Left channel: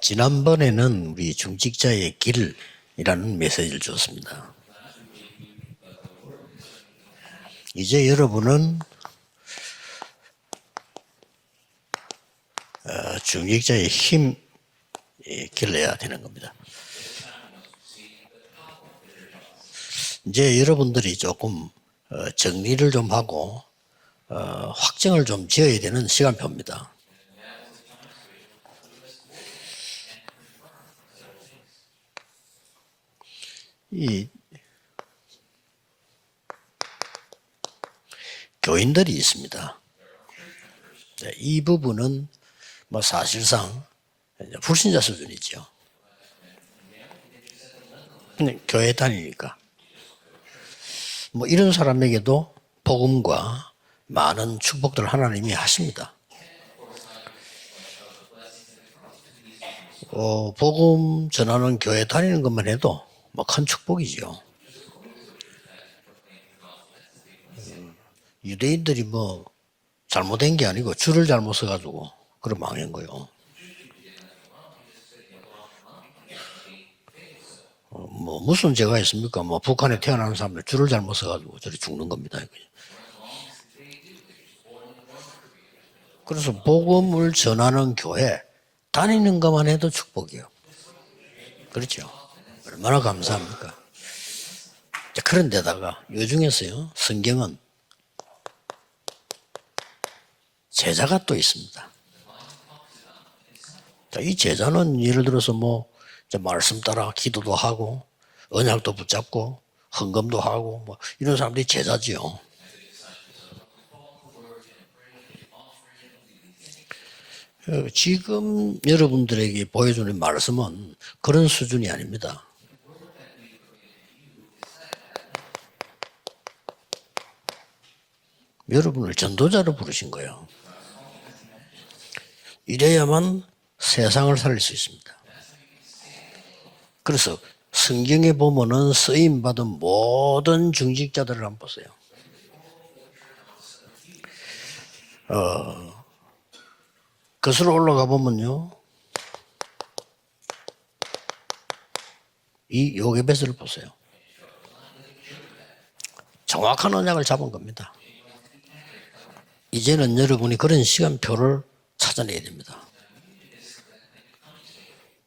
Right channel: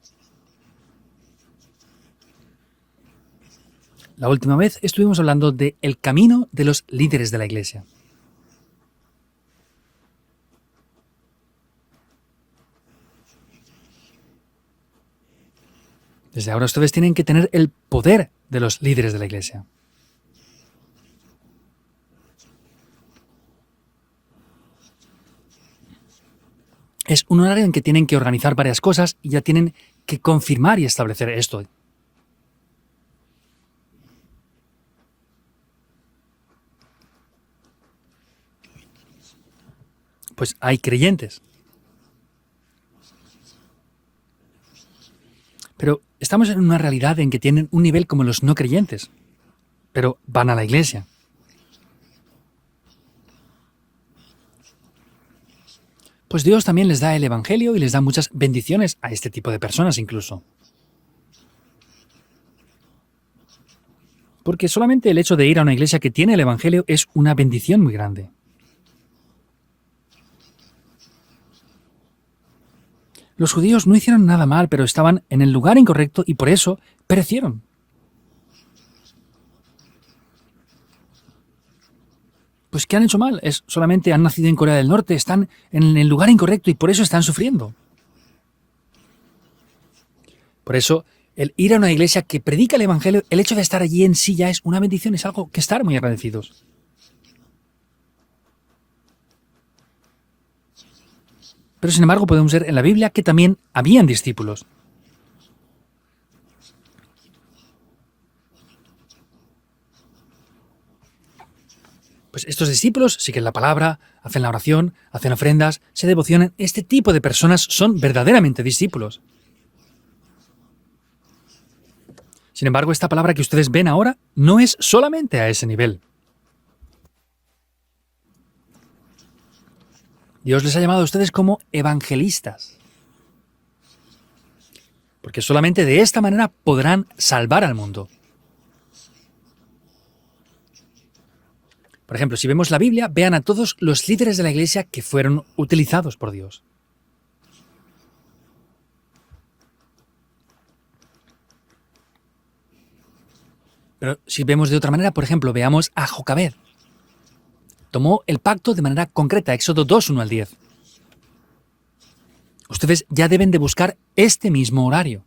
지난번에는 우리 중직자의 길이라는 메시지를 줬습니다. La última vez estuvimos hablando de el camino de los líderes de la iglesia. 이제 여러분은 중직자의 힘 길러야 되는 겁니다. Desde ahora ustedes tienen que tener el poder de los líderes de la iglesia. 이제 여러분들이 조금 정리를 좀 하고 확정을 좀 지어야 되는 시간표입니다. Es un horario en que tienen que organizar varias cosas y ya tienen que confirmar y establecer esto. 이 교인들이 있습니다. Pues hay creyentes, 이 부분은 뭐 사실상 불신자 수준이죠. pero estamos en una realidad en que tienen un nivel como los no 교회 creyentes, 다니니까. pero van a la iglesia. 뭐 이런 사람에게도 복음과 많은 축복들을 하나님이 하십니다. Pues Dios también les da el evangelio y les da muchas bendiciones a este tipo de personas incluso. 복음 전하는 교회 다니는 것만 해도 뭐 큰 축복이죠. Porque solamente el hecho de ir a una iglesia que tiene el evangelio es una bendición muy grande. 유대인들이 뭐 잘못된 게 아니고 줄을 잘못 서가지고 그럼 망한 거요. Los judíos no hicieron nada mal, pero estaban en el lugar incorrecto y por eso perecieron. 뭐 무슨 죄가 있습니까? 뭐 북한에 태어나는 사람들 줄을 잘못 서가지고 저리 죽는 겁니다. Pues ¿qué han hecho mal? Es solamente han nacido en Corea del Norte, están en el lugar incorrecto y por eso están 복음을 sufriendo. 전하는 교회 다니는 것만 해도 축복이요. Por eso, el ir a una iglesia que predica el evangelio, el hecho de estar allí en sí ya es una bendición, es algo que estar muy 그런데다가 agradecido. 외중에서요 성경은 제자가 또 있습니다. Pero sin embargo podemos ver en la Biblia que también habían 이 discípulos. 제자는 예를 들어서 뭐 이제 말씀 따라 기도도 하고 언약도 붙잡고 헌금도 하고 뭐 이런 사람들이 제자지요. Pues estos discípulos siguen la palabra, hacen la oración, hacen ofrendas, se devocionan. Este tipo de personas son verdaderamente discípulos. 여러분들에게 보여주는 말씀은 그런 수준이 아닙니다. Sin embargo, esta palabra que ustedes ven ahora no es solamente a ese nivel. 여러분을 전도자로 부르신 거예요. Dios les ha llamado a ustedes como evangelistas, 이래야만 세상을 살릴 수 있습니다. porque solamente de esta manera podrán salvar al mundo. 성경에 보면은 쓰임 받은 모든 중직자들을 한번 보세요. Por ejemplo, si vemos la Biblia, vean a todos los líderes de la iglesia que fueron utilizados por Dios. 거슬러 올라가 보면요. 이 요게벳을 보세요. Pero si vemos de otra manera, por ejemplo, veamos a Jocabed. 정확한 언약을 잡은 겁니다. Tomó el pacto de manera concreta, Éxodo 2, 이제는 1 al 10. 여러분이 그런 시간표를 찾아내야 됩니다. Ustedes ya deben de buscar este mismo horario.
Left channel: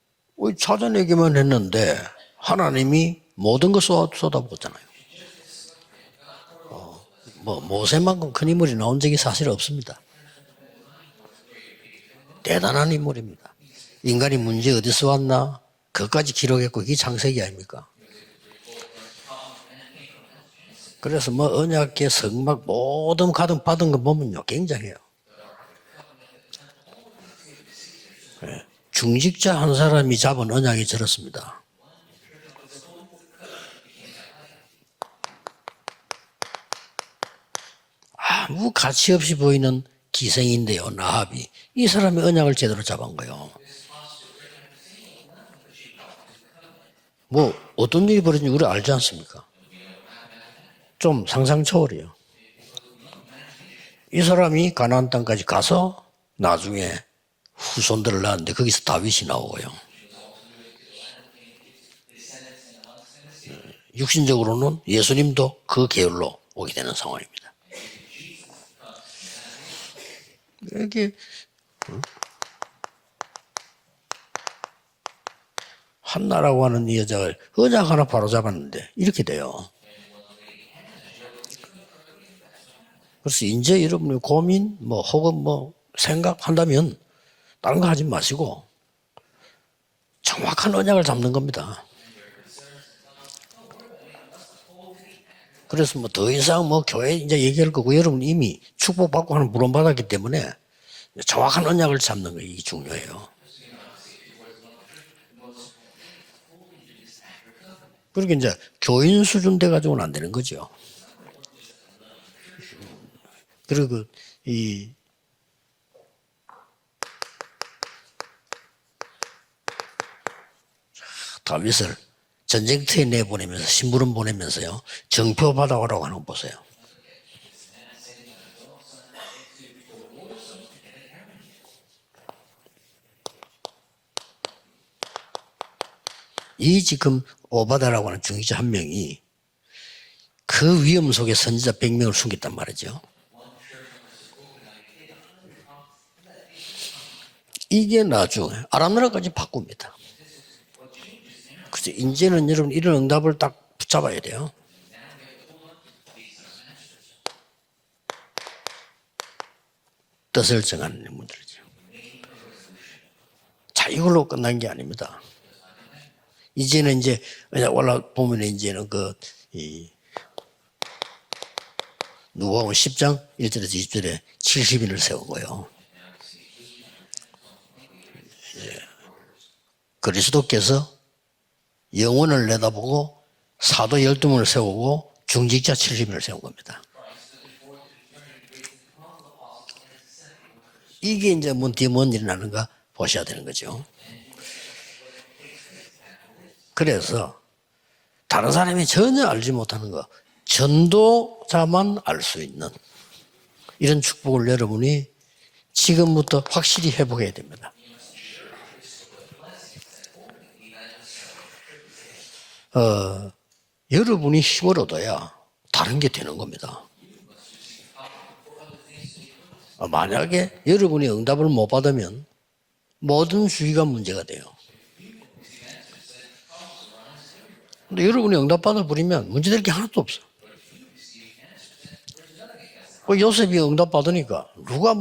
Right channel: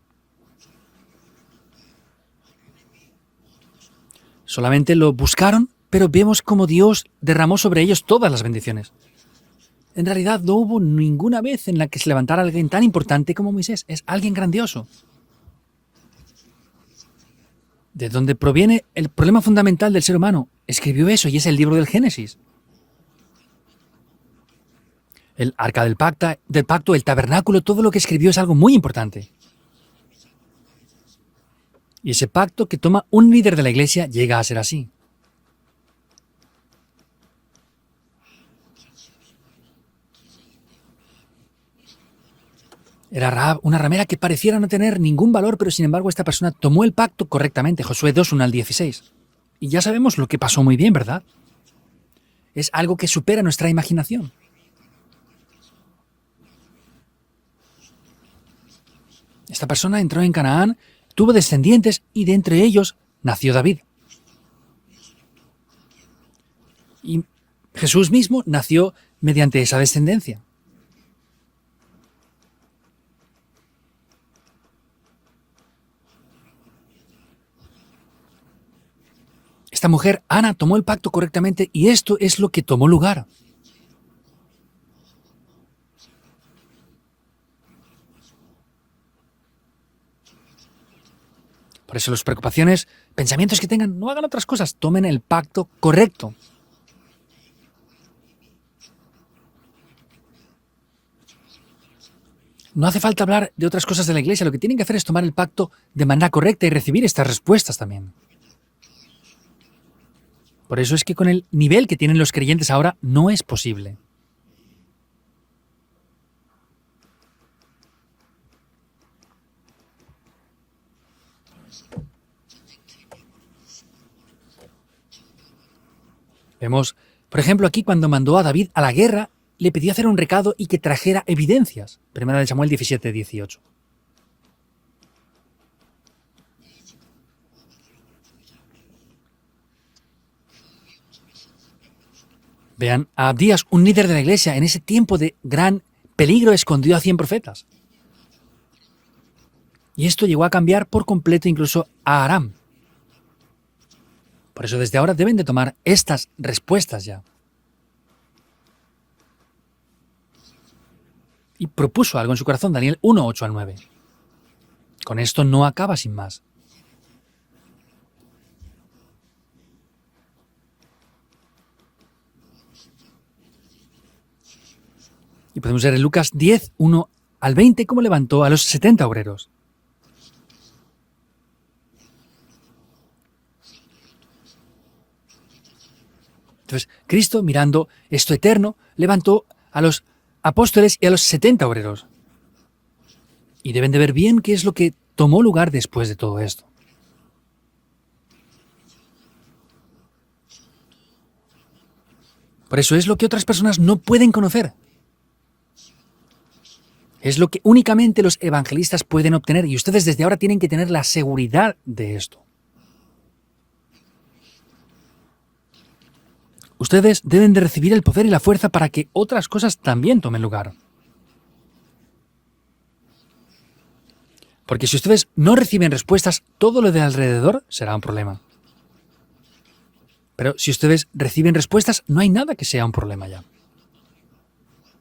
찾아내기만 했는데 하나님이 모든 것 쏟아부었어요. Solamente lo buscaron, pero vemos como Dios derramó sobre ellos todas las 큰 인물이 bendiciones. 나온 적이 사실 없습니다. En realidad no hubo ninguna vez en la que se levantara alguien tan importante como Moisés. Es alguien 인간이 문제 grandioso. 어디서 왔나? 그것까지 기록했고 이게 창세기 아닙니까? De donde proviene el problema fundamental del ser humano. Escribió eso y es el libro del Génesis. 막 모든 가득 받은 거 보면요 굉장해요. El arca del pacto, el tabernáculo, todo lo que escribió es algo muy importante. 중직자 한 사람이 잡은 언약이 저렇습니다. Y ese pacto que toma un líder de la iglesia llega a ser así. 아무 가치 없이 보이는 기생인데요, 나합이. 이 사람이 언약을 제대로 잡은 거예요. Era Rahab, una ramera que pareciera no tener ningún valor, pero sin embargo esta persona tomó el pacto correctamente. 어떤 Josué 일이 2, 1 al 벌어진 걸 알지 16. 않습니까? Y ya sabemos lo que pasó muy bien, ¿verdad? 좀 상상 초월이에요. Es algo que supera nuestra 이 imaginación. 사람이 가나안 땅까지 가서 나중에 후손들을 낳았는데 거기서 다윗이 Esta 나오고요. persona entró en Canaán, tuvo descendientes y de entre ellos nació David. 육신적으로는 예수님도 그 계열로 오게 되는 상황입니다. Jesús mismo nació mediante esa descendencia. 이게 한나라고 하는 이 여자를 언약 하나 바로 잡았는데 이렇게 돼요. Esta mujer, Ana, tomó el pacto correctamente y esto es lo que tomó lugar. 그래서 이제 여러분이 고민 뭐 혹은 뭐 생각한다면 다른 거 하지 마시고 정확한 언약을 잡는 겁니다. Por eso las preocupaciones, pensamientos que tengan, no hagan otras cosas, tomen el pacto 그래서 correcto. 더 이상 뭐 교회 이제 얘기할 거고 여러분 이미 축복받고 하는 물론받았기 때문에 정확한 언약을 잡는 게 이게 No hace 중요해요. falta hablar de otras cosas de la iglesia, lo que tienen que hacer es tomar el pacto de manera correcta y recibir estas respuestas también. 그러니까 이제 교인 수준 돼 가지고는 안 되는 거죠. Por eso es que con el nivel que tienen los creyentes ahora no es posible. 그리고 이 다윗을 전쟁터에 내보내면서 심부름 보내면서요 정표 받아오라고 하는 거 보세요. Vemos, por ejemplo, aquí cuando mandó a David a la guerra, le pidió hacer un recado y que trajera evidencias. Primera de Samuel 17, 18. 이 지금 오바다라고 하는 중위자 한 명이 그 위험 속에 선지자 100명을 숨겼단 말이죠. Vean, a Abdías, un líder de la iglesia, en ese tiempo de gran peligro, escondió a 100 profetas. 이게 나중에 아람 나라까지 바꿉니다. Y esto llegó a cambiar por completo incluso 그래서 a Aram. 이제는 여러분 이런 응답을 딱 붙잡아야 돼요. Por eso desde ahora deben de tomar estas respuestas ya. 뜻을 정하는 인물들이죠. Y propuso algo en su corazón, Daniel 1, 8 al 9. 자, 이걸로 끝난 게 아닙니다. Con esto no acaba sin más. 이제는 이제 올라 보면 이제는 이 누가복음 10장 1절에서 20절에 70인을 세운 거예요. Y podemos ver en Lucas 10, 1 al 20 cómo levantó a los 70 obreros. 그리스도께서 영혼을 내다보고 사도 12명을 세우고 중직자 70인을 세운 겁니다. Entonces, Cristo, mirando esto eterno, levantó a los apóstoles y a los 이게 이제 70 어떻게 obreros. 뭔 일이 나는가 보셔야 되는 거죠. Y deben de ver bien qué es lo que tomó lugar después de todo esto. 그래서 다른 사람이 전혀 알지 못하는 거 전도자만 알 수 있는 Por eso es lo que otras personas no 이런 pueden 축복을 conocer. 여러분이 지금부터 확실히 회복해야 Es lo que únicamente los evangelistas pueden obtener y ustedes desde ahora tienen que tener la seguridad de esto. 여러분이 힘을 얻어야 다른 게 되는 겁니다. Ustedes deben de recibir el poder y la fuerza para que otras cosas también tomen 만약에 lugar. 여러분이 응답을 못 받으면 모든 주의가 문제가 돼요. Porque si ustedes no reciben respuestas, todo lo de alrededor será un 여러분이 problema. 응답받아 버리면 문제될 게 하나도 없어. Pero si ustedes reciben respuestas, no hay nada que sea un problema. 요셉이 응답받으니까 누가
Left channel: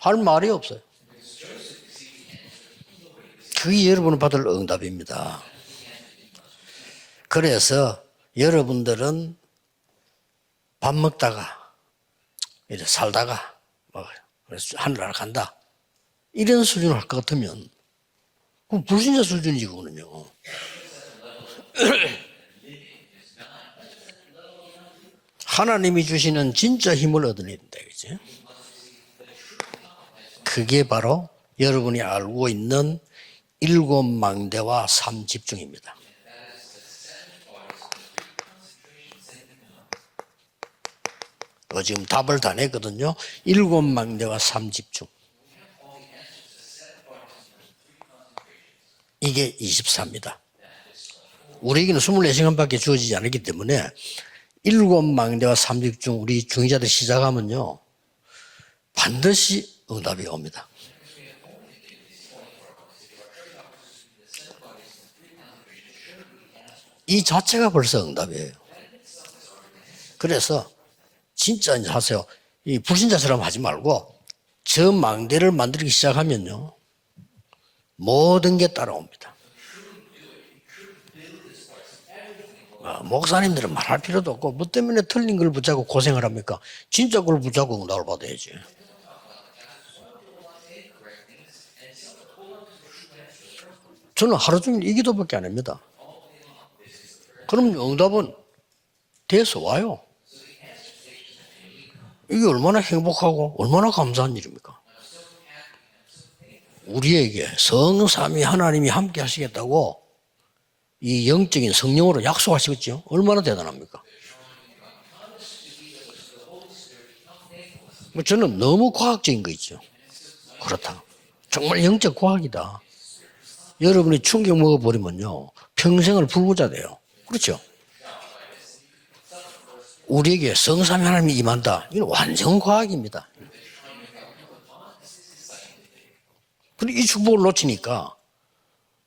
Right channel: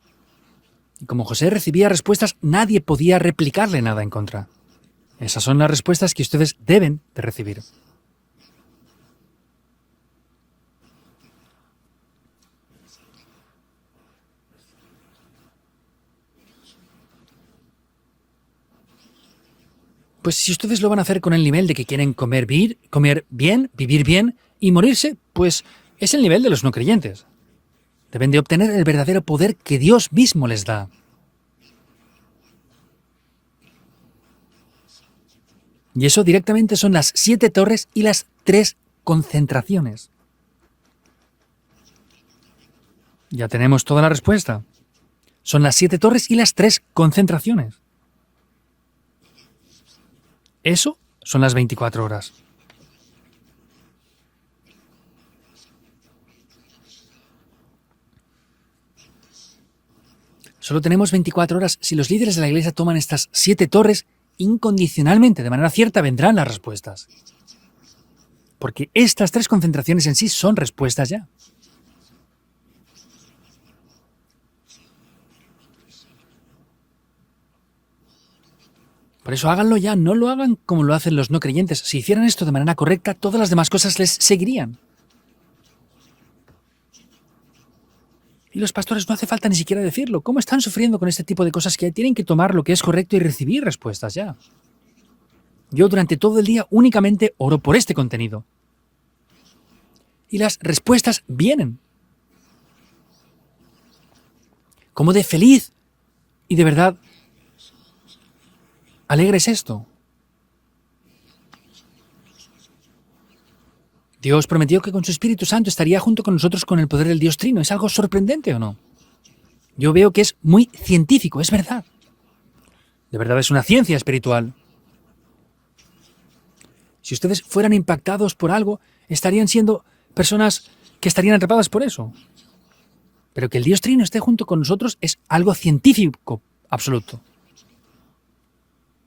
할 말이 없어요. Y como José recibía respuestas, nadie podía replicarle 그게 nada. en 여러분 contra. 받을 응답입니다. Esas son las respuestas que ustedes deben de recibir. 그래서 여러분들은 밥 먹다가 이제 살다가 하늘나라 간다 이런 수준을 할 것 같으면 그럼 불신자 수준이지 그거는요. Pues si ustedes lo van a hacer con el nivel de que quieren comer bien, vivir bien y morirse, pues 하나님이 es el nivel de 주시는 los no 진짜 creyentes. 힘을 얻어내야 된다. 그치? Deben de obtener el verdadero poder que Dios mismo les 그게 da. 바로 여러분이 알고 있는 7망대와 3집중입니다. Y eso directamente son las 7 torres y las 3 concentraciones. 지금 답을 다 냈거든요. Ya tenemos toda la 7망대와 respuesta. 3집중. Son las 7 torres y las 3 concentraciones. 이게 24입니다. Eso son las 24 우리에게는 horas. 24시간밖에 주어지지 않았기 때문에 7망대와 3집중 우리 중위자들 시작하면요. 반드시 응답이 옵니다. Solo tenemos 24 horas. Si los líderes de la iglesia toman estas 7 torres, incondicionalmente, de manera cierta, vendrán las respuestas. 이 자체가 벌써 응답이에요. Porque estas 3 concentraciones en sí 그래서- son respuestas ya. 진짜 이제 하세요. 이 불신자처럼 하지 말고 저 망대를 만들기 시작하면요. 모든 게 따라옵니다. Por eso háganlo ya, no lo hagan como lo hacen los no creyentes. Si hicieran esto de manera correcta, todas las demás cosas les 뭐 seguirían. 때문에 틀린 걸 붙잡고 고생을 합니까? 진짜 걸 붙잡고 응답을 받아야지. Y los pastores no hace falta ni siquiera decirlo. ¿Cómo están sufriendo con este tipo de cosas que tienen que tomar lo que es correcto y recibir respuestas ya? 저는 하루 종일 이 기도밖에 안 합니다. Yo durante todo el día únicamente oro 그럼 por este 응답은 contenido. 돼서 와요. Y las respuestas vienen. 이게 얼마나 행복하고 얼마나 감사한 일입니까? Como de feliz y de verdad 우리에게 성삼위 하나님이 함께 Alegres 하시겠다고 이 영적인 성령으로 약속하시겠죠? 얼마나 대단합니까? Dios prometió que con su Espíritu Santo estaría junto con nosotros con el poder del Dios Trino. Es algo sorprendente. 저는 ¿O no? 너무 과학적인 거 있죠. Yo veo que es muy científico, es verdad. 정말 영적 과학이다. De verdad es una ciencia 여러분이 espiritual. 충격 먹어버리면요. 평생을 불구자 돼요. Si ustedes 그렇죠? fueran impactados por algo, estarían siendo 우리에게 personas 성삼위 que estarían 하나님이 atrapadas 임한다. por eso. 완전 과학입니다. Pero que el Dios Trino esté junto con nosotros es algo científico 이 absoluto. 축복을 놓치니까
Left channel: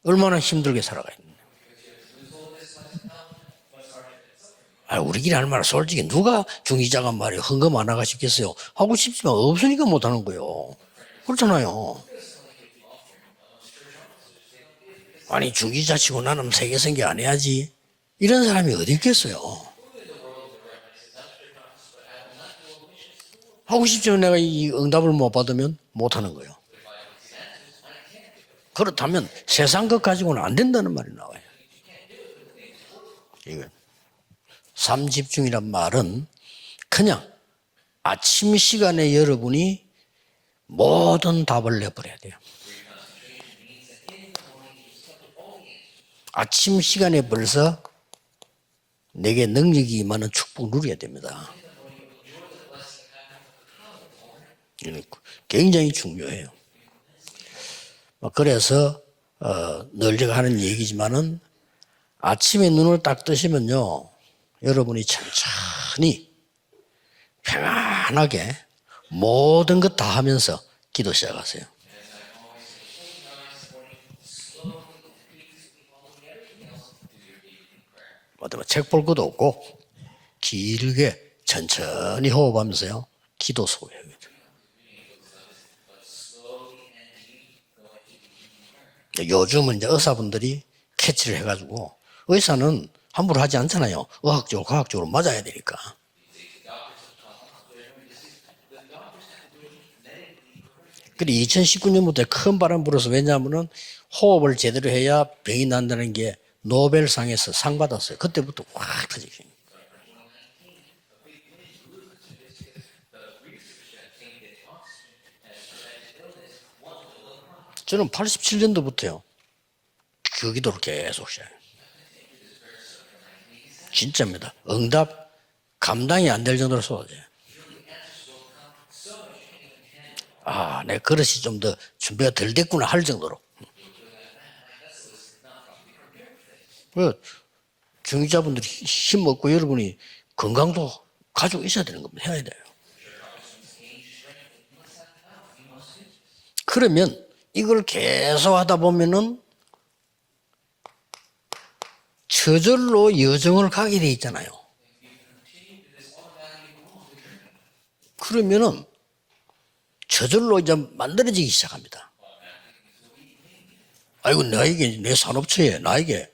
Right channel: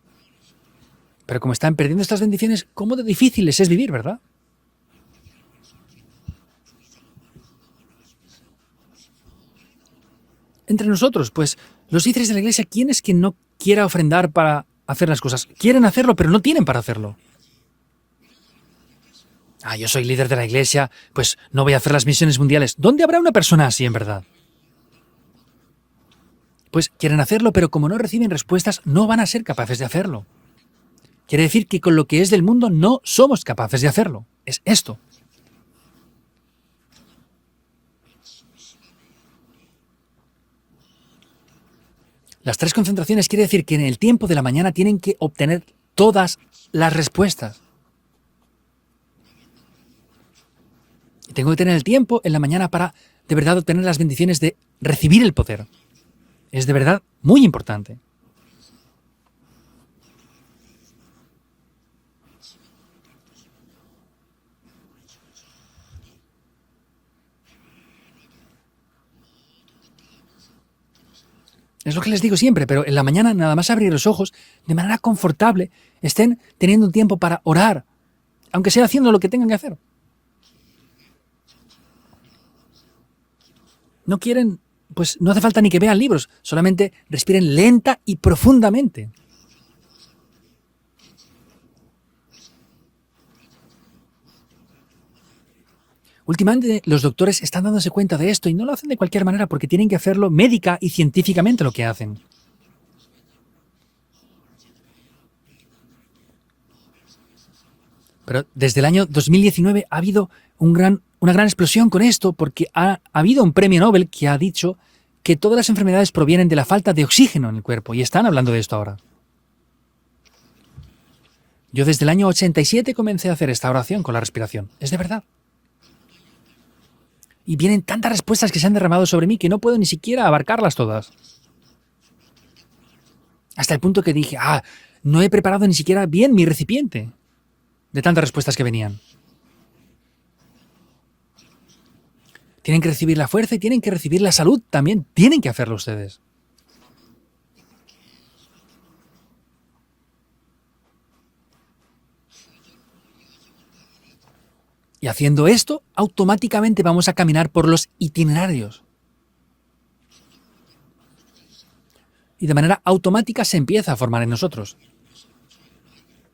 얼마나 힘들게 살아가요. Pero como están perdiendo estas bendiciones, ¿cómo de difícil les es vivir, verdad? 우리끼리 할 말은 솔직히 누가 중이자가 말이에요. 헌금 안 하가 싶겠어요. 하고 싶지만 없으니까 못 하는 거예요. Entre nosotros, pues, 그렇잖아요. los líderes de la iglesia, ¿quién es quien no quiera ofrendar para hacer las cosas? 아니 Quieren hacerlo, pero no 나는 tienen para 세계 hacerlo. 안 해야지. 이런 사람이 어디 있겠어요. Ah, yo soy líder de la iglesia, pues no voy a hacer las misiones mundiales. ¿Dónde habrá una persona así, 하고 en 싶지만 verdad? 내가 이 응답을 못 받으면 못 하는 거예요. Pues quieren hacerlo, pero como no reciben respuestas, no van 그렇다면 a ser capaces de 세상 것 hacerlo. 가지고는 안 된다는 말이 나와요. Quiere decir que con lo que es del mundo no somos capaces de hacerlo. Es eso. 삼집중이란 말은 그냥 아침 시간에 여러분이 모든 답을 내버려야 돼요. Las 3 concentraciones quiere decir que en el tiempo de la mañana tienen que obtener todas 아침 las 시간에 respuestas. 벌써 내게 능력이 임하는 축복 누려야 됩니다. Tengo que tener el tiempo en la mañana para de verdad obtener las bendiciones de recibir el poder. 굉장히 중요해요. Es de verdad muy importante. 그래서 늘 제가 하는 얘기지만은 아침에 눈을 딱 뜨시면요, 여러분이 천천히 평안하게 모든 것 다 하면서 기도 시작하세요. Es lo que les digo siempre, pero en la mañana nada más abrir los ojos, de manera confortable, estén teniendo un tiempo para orar, aunque sea haciendo lo que tengan que hacer. 길게 천천히 호흡하면서요, 기도 속에. No quieren, pues no hace falta ni que vean libros, solamente respiren lenta y profundamente. 요즘은 이제 의사분들이 캐치를 해가지고 의사는 함부로 하지 않잖아요. 의학적으로 과학적으로 맞아야 되니까. Últimamente los doctores están dándose cuenta de esto y no lo hacen de cualquier manera porque tienen que hacerlo médica y científicamente lo que hacen. 2019년부터 큰 바람 불어서 왜냐하면은 호흡을 제대로 해야 병이 난다는 게 노벨상에서 상 받았어요. Pero 그때부터 desde el año 2019 ha habido una gran explosión con esto porque ha habido un premio Nobel que ha dicho que todas las enfermedades provienen de la falta de oxígeno en el cuerpo y están hablando de esto ahora. 87년도부터요. 그 기도를 계속 시작해요. Yo desde el año 87 comencé a hacer esta oración con la respiración. Es de verdad. 감당이 안 될 정도로 쏟아져요. Y vienen tantas respuestas que se han derramado sobre mí que no puedo ni siquiera abarcarlas 내 todas. 그릇이 좀 더 준비가 덜 됐구나 할 정도로. Hasta el punto que dije, no he preparado ni siquiera bien mi recipiente de tantas respuestas que venían. 힘 먹고 여러분이 건강도 가지고 있어야 되는 겁니다. 해야 돼요. Tienen que recibir la fuerza y tienen que recibir la salud también. Tienen que hacerlo ustedes. 그러면 이걸 계속 하다 보면은 저절로 여정을 가게 돼 있잖아요. Y haciendo esto, automáticamente vamos a caminar por los itinerarios. 그러면은 저절로 이제 만들어지기 시작합니다. Y de manera automática se empieza a formar en 아이고 nosotros. 나에게 내 산업체에 나에게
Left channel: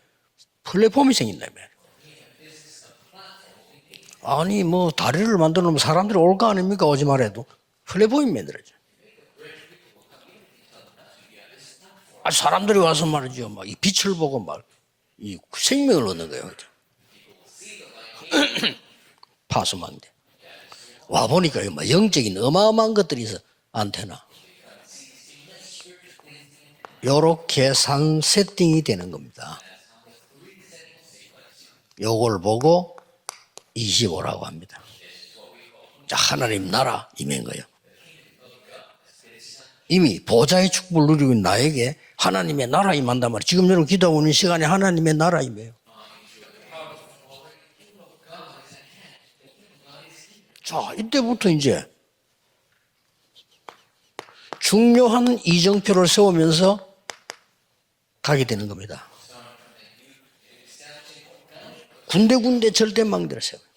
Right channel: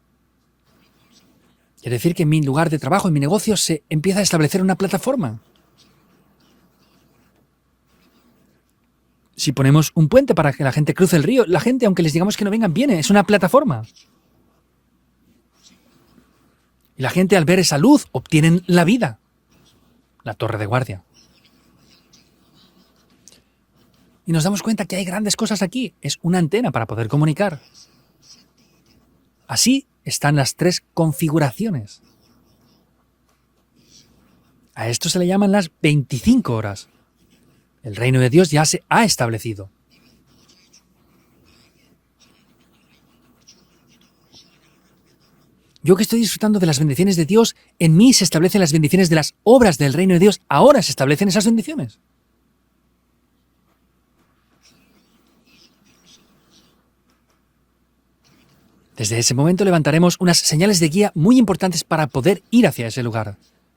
플랫폼이 생긴다며. Es decir, que en mi lugar de trabajo, en mi negocio, se empieza a establecer 아니 una 뭐 다리를 plataforma. 만들어 놓으면 사람들이 올 거 아닙니까? 오지 말해도 플랫폼이 만들어져. Si ponemos un puente para que la gente cruce el río, la gente, aunque les digamos que no vengan, viene. Es una plataforma. 빛을 보고 이 생명을 얻는 거예요. Y la gente al ver esa luz obtienen la vida. 파수망대. La torre de guardia. 와 보니까 영적인 어마어마한 것들이 있어. 안테나. Y nos damos cuenta que hay grandes cosas aquí. Es una antena para poder comunicar. 이렇게 상 세팅이 되는 겁니다. Así están las tres configuraciones. 요걸 보고 25라고 합니다. A esto se le llaman las 25 하나님 horas. 나라 임한 거예요. El reino de Dios ya se ha establecido. 이미 보좌의 축복을 누리고 있는 나에게 하나님의 나라 임한단 말이에요. 지금 여러분 기도하고 있는 시간에 하나님의 나라 임해요. Yo que estoy disfrutando de las bendiciones de Dios, en mí se establecen las bendiciones de las obras del reino de Dios. Ahora se establecen esas bendiciones. 중요한 이정표를 세우면서 가게 되는 겁니다. Desde ese momento levantaremos unas señales de guía muy importantes para poder ir hacia ese lugar.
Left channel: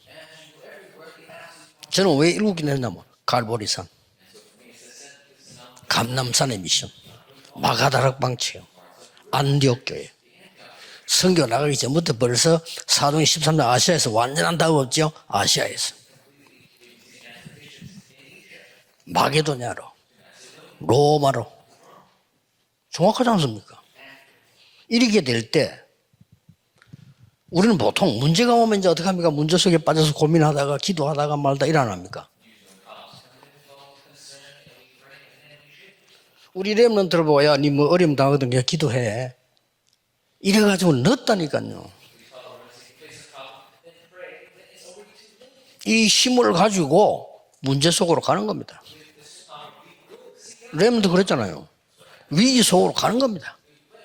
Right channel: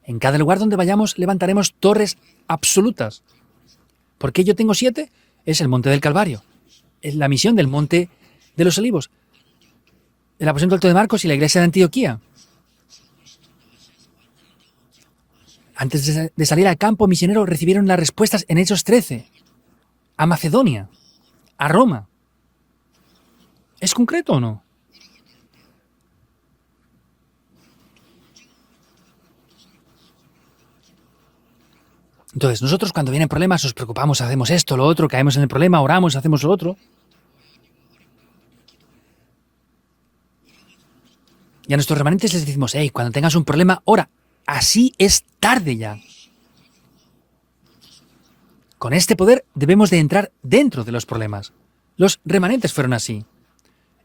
En cada lugar donde vayamos levantaremos torres 저는 왜 일곱 개 absolutas. 갈보리산, ¿Por qué yo tengo 7? Es el monte del Calvario. 감람산의 미션, Es la misión del monte 마가다락 방치, de los olivos. 안디옥 교회. El aposento alto de Marcos y la 설교 iglesia de 나가기 전부터 Antioquía. 벌써 사도행 13장 아시아에서 완전한 답 없죠. 아시아에서 Antes de salir al campo misionero recibieron las respuestas en Hechos 13. 마게도냐로, A Macedonia. 로마로. A Roma. 정확하지 않습니까? ¿Es concreto o no? 이렇게 될 때 우리는 보통 문제가 오면 이제 어떻게 합니까? 문제 속에 빠져서 고민하다가 기도하다가 말다 일 안 합니까? Entonces, nosotros cuando vienen problemas nos preocupamos, hacemos esto, lo otro, caemos en el problema, oramos, hacemos lo otro. 우리 렘넌트를 보고 야니 뭐 어려움 당하거든 그냥 기도해. 이래가지고 늦다니까요. Y a nuestros remanentes les decimos, hey, cuando tengas un problema, ora. Así es tarde ya. 이 힘을 가지고 문제 속으로 가는 겁니다. Con este poder debemos de entrar dentro de los 렘넌트 problemas. 그랬잖아요. Los 위 remanentes 속으로 fueron así. 가는 겁니다.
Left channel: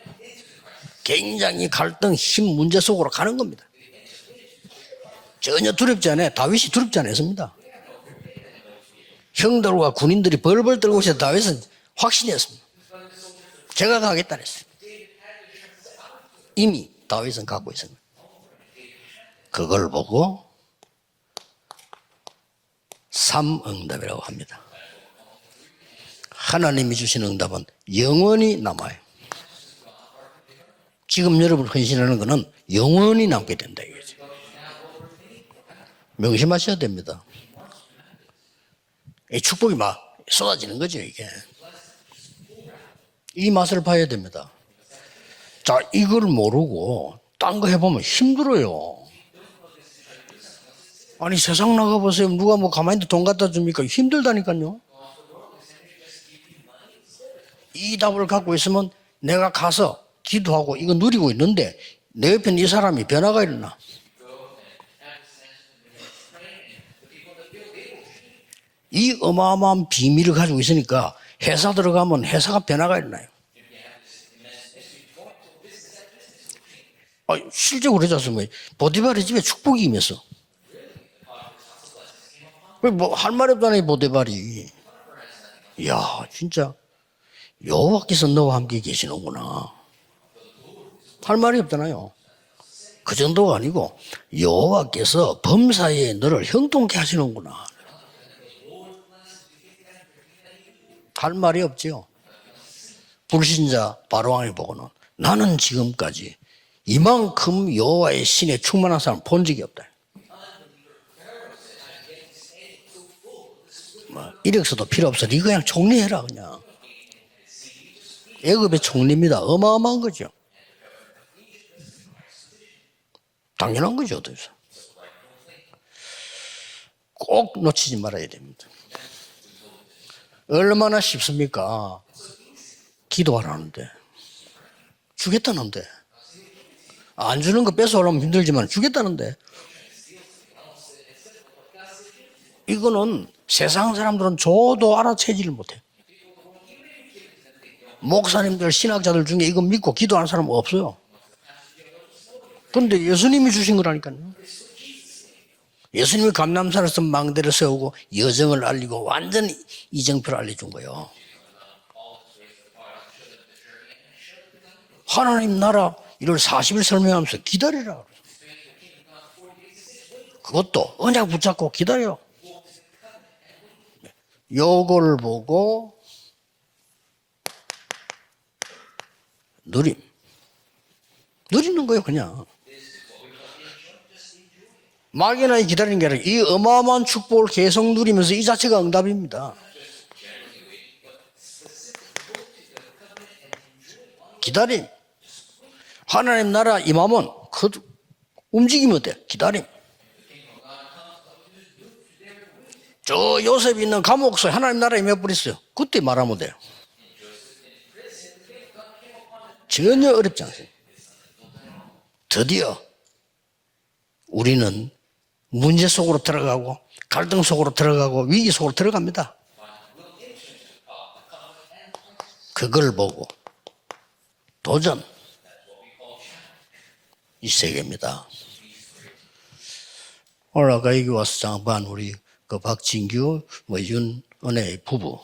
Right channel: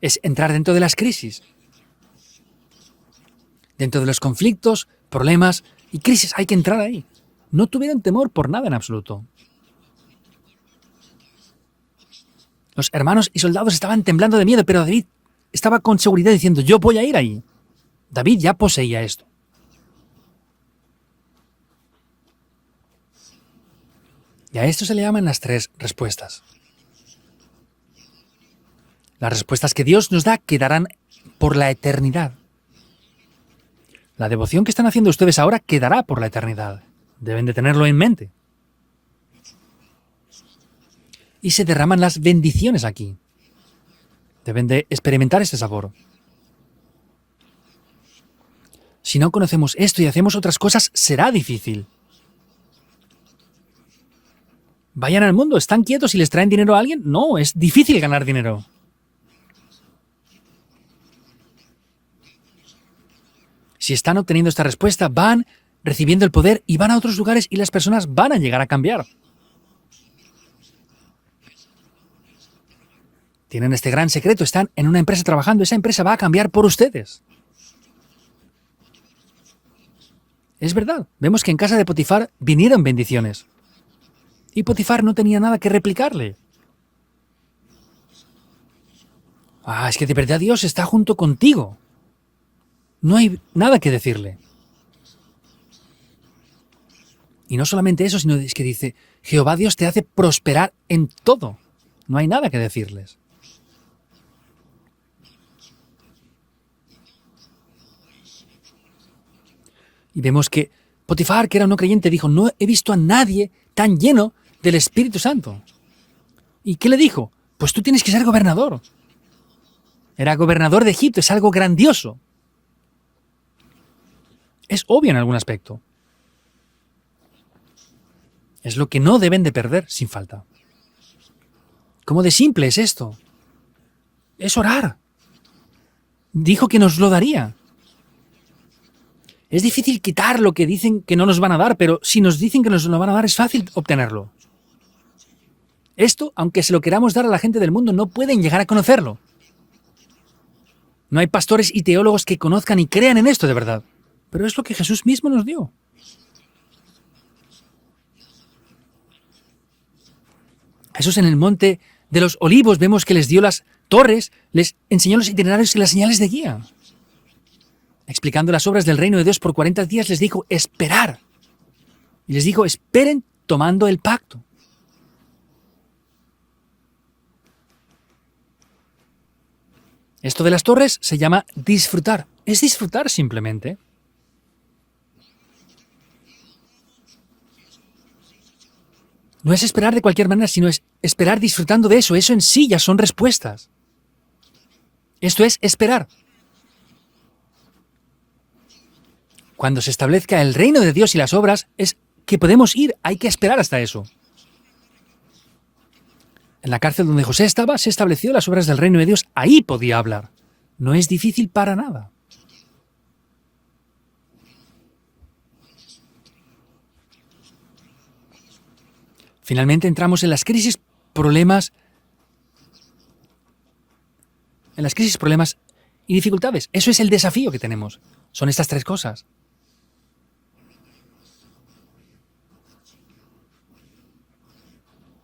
Es entrar dentro de las crisis, 굉장히 갈등, 힘, 문제 속으로 가는 겁니다. dentro de los conflictos, problemas, 전혀 두렵지 않아요. crisis. Hay que 다윗이 entrar 두렵지 ahí. 않았습니다. No tuvieron temor por nada en absoluto. 형들과 군인들이 벌벌 떨고 있어 다윗은 확신했습니다. Los hermanos y soldados Llega estaban David temblando de miedo, pero David estaba con seguridad diciendo, yo voy a ir ahí. 다윗은 갖고 있습니다. David ya poseía esto. 그걸 보고 삼응답이라고 합니다. Y a esto se le llaman las tres respuestas. 하나님이 주신 응답은 영원히 남아요. Las respuestas que Dios nos da quedarán 지금 por la 여러분 헌신하는 eternidad. 거는 영원히 남게 된다 이거죠. La devoción que están haciendo ustedes ahora quedará por la 명심하셔야 eternidad. 됩니다. Deben de tenerlo en mente. 이 축복이 막 쏟아지는 거죠 이게. Y se derraman las bendiciones aquí. 이 맛을 봐야 됩니다. Deben de experimentar este 자, sabor. 이걸 모르고 딴 거 해보면 힘들어요. Si no conocemos esto y hacemos otras cosas, será 아니 difícil. 세상 나가보세요. 누가 뭐 가만히 돈 갖다 줍니까? 힘들다니까요. Vayan al mundo, ¿están quietos y les traen dinero a alguien? No, es difícil 이 ganar 땅을 갖고 dinero. 있으면 내가 가서 기도하고 이거 누리고 있는데 내 옆에 이 사람이 변화가 일어나. Si están obteniendo esta respuesta, van recibiendo el poder y van a otros lugares y las personas van a llegar a cambiar. 이 어마어마한 비밀을 가지고 있으니까 회사 들어가면 회사가 변화가 일어나요. Tienen este gran secreto, están en una empresa trabajando, esa empresa va a cambiar por ustedes. 실제로 그러지 않습니까? 보디발의 집에 축복이 임했어. Es verdad, vemos que en casa de Potifar vinieron 뭐할 bendiciones 말이 없다네 보디발이. y Potifar no tenía nada que 야, replicarle. 진짜 여호와께서 너와 함께 계시는구나. Ah, es que de verdad Dios está junto 할 말이 contigo. 없잖아요. No 그 hay 정도가 nada 아니고 que decirle. 여호와께서 범사에 너를 형통케 하시는구나. Y no solamente eso, sino es que dice, Jehová Dios te hace prosperar en 할 todo. 말이 없지요. No hay nada que decirles. 불신자 바로왕이 보고는 나는 지금까지 이만큼 여호와의 신에 충만한 사람 본 적이 없다. Y vemos que Potifar, que era un no creyente, dijo, no he visto a nadie tan lleno del 이력서가 필요 Espíritu 없어. 네 Santo. 그냥 총리해라 그냥. ¿Y qué le dijo? Pues tú tienes que ser gobernador. 애굽의 총리입니다. 어마어마한 거죠. Era gobernador de Egipto, es algo grandioso. 당연한 거죠. 어떠세요? Es obvio en algún aspecto. 꼭 놓치지 말아야 됩니다. Es lo que no deben de perder sin falta. 얼마나 쉽습니까? ¿Cómo de simple es esto? 기도하라는데 Es orar. 주겠다는데 Dijo que nos lo 안 daría. 주는 거 뺏어오려면 힘들지만 주겠다는데 Es difícil quitar lo que dicen que no nos van a dar, pero si nos dicen que nos lo van a dar es fácil 세상 obtenerlo. 사람들은 줘도 알아채지를 못해. Esto, aunque se lo queramos dar a la gente del mundo, no pueden llegar a 목사님들 conocerlo. 신학자들 중에 이거 믿고 기도하는 사람 없어요. No hay pastores y teólogos que conozcan y 그런데 crean en esto de 예수님이 주신 verdad. 거라니까요. Pero es lo que Jesús mismo nos dio. 예수님이 감람산에서 망대를 세우고 여정을 알리고 완전히 이정표를 알려준 거예요. Jesús en el monte de los olivos vemos que les dio las torres, les enseñó a los 하나님 itinerarios las señales de 나라를 guía. 40일 설명하면서 기다리라. Explicando las obras del reino de Dios por 40 días les dijo, 그것도 esperad. 그냥 붙잡고 기다려. Y les dijo, esperen tomando el pacto. 요걸 보고 누림. Esto de las torres se llama 누리는 거예요, disfrutar. 그냥. Es disfrutar simplemente. 막연하게 기다리는 게 아니라 이 어마어마한 축복을 계속 누리면서 이 자체가 응답입니다. No es esperar de cualquier manera, sino es esperar disfrutando de eso. Eso en sí ya son respuestas. 기다림. Esto es esperar. 하나님 나라 임하면 그 움직이면 돼. 기다림. Cuando se establezca el reino de Dios y las obras, es que podemos ir. Hay que 저 esperar hasta 요셉이 eso. 있는 감옥소에 하나님 나라 임해버렸어요. 그때 말하면 돼요. En la cárcel donde José estaba, se estableció las obras del reino de Dios. Ahí podía 전혀 hablar. 어렵지 않습니다. No es difícil para nada. 드디어 우리는 문제 속으로 들어가고 갈등 속으로 들어가고 위기 속으로 들어갑니다. Finalmente entramos en las crisis, problemas, 그걸 보고 en las 도전 crisis, problemas y dificultades. Eso es el desafío que 세 tenemos. 개입니다. Son estas tres cosas. 오늘 아까 여기 와서 장반 우리 그 박진규 윤은혜 부부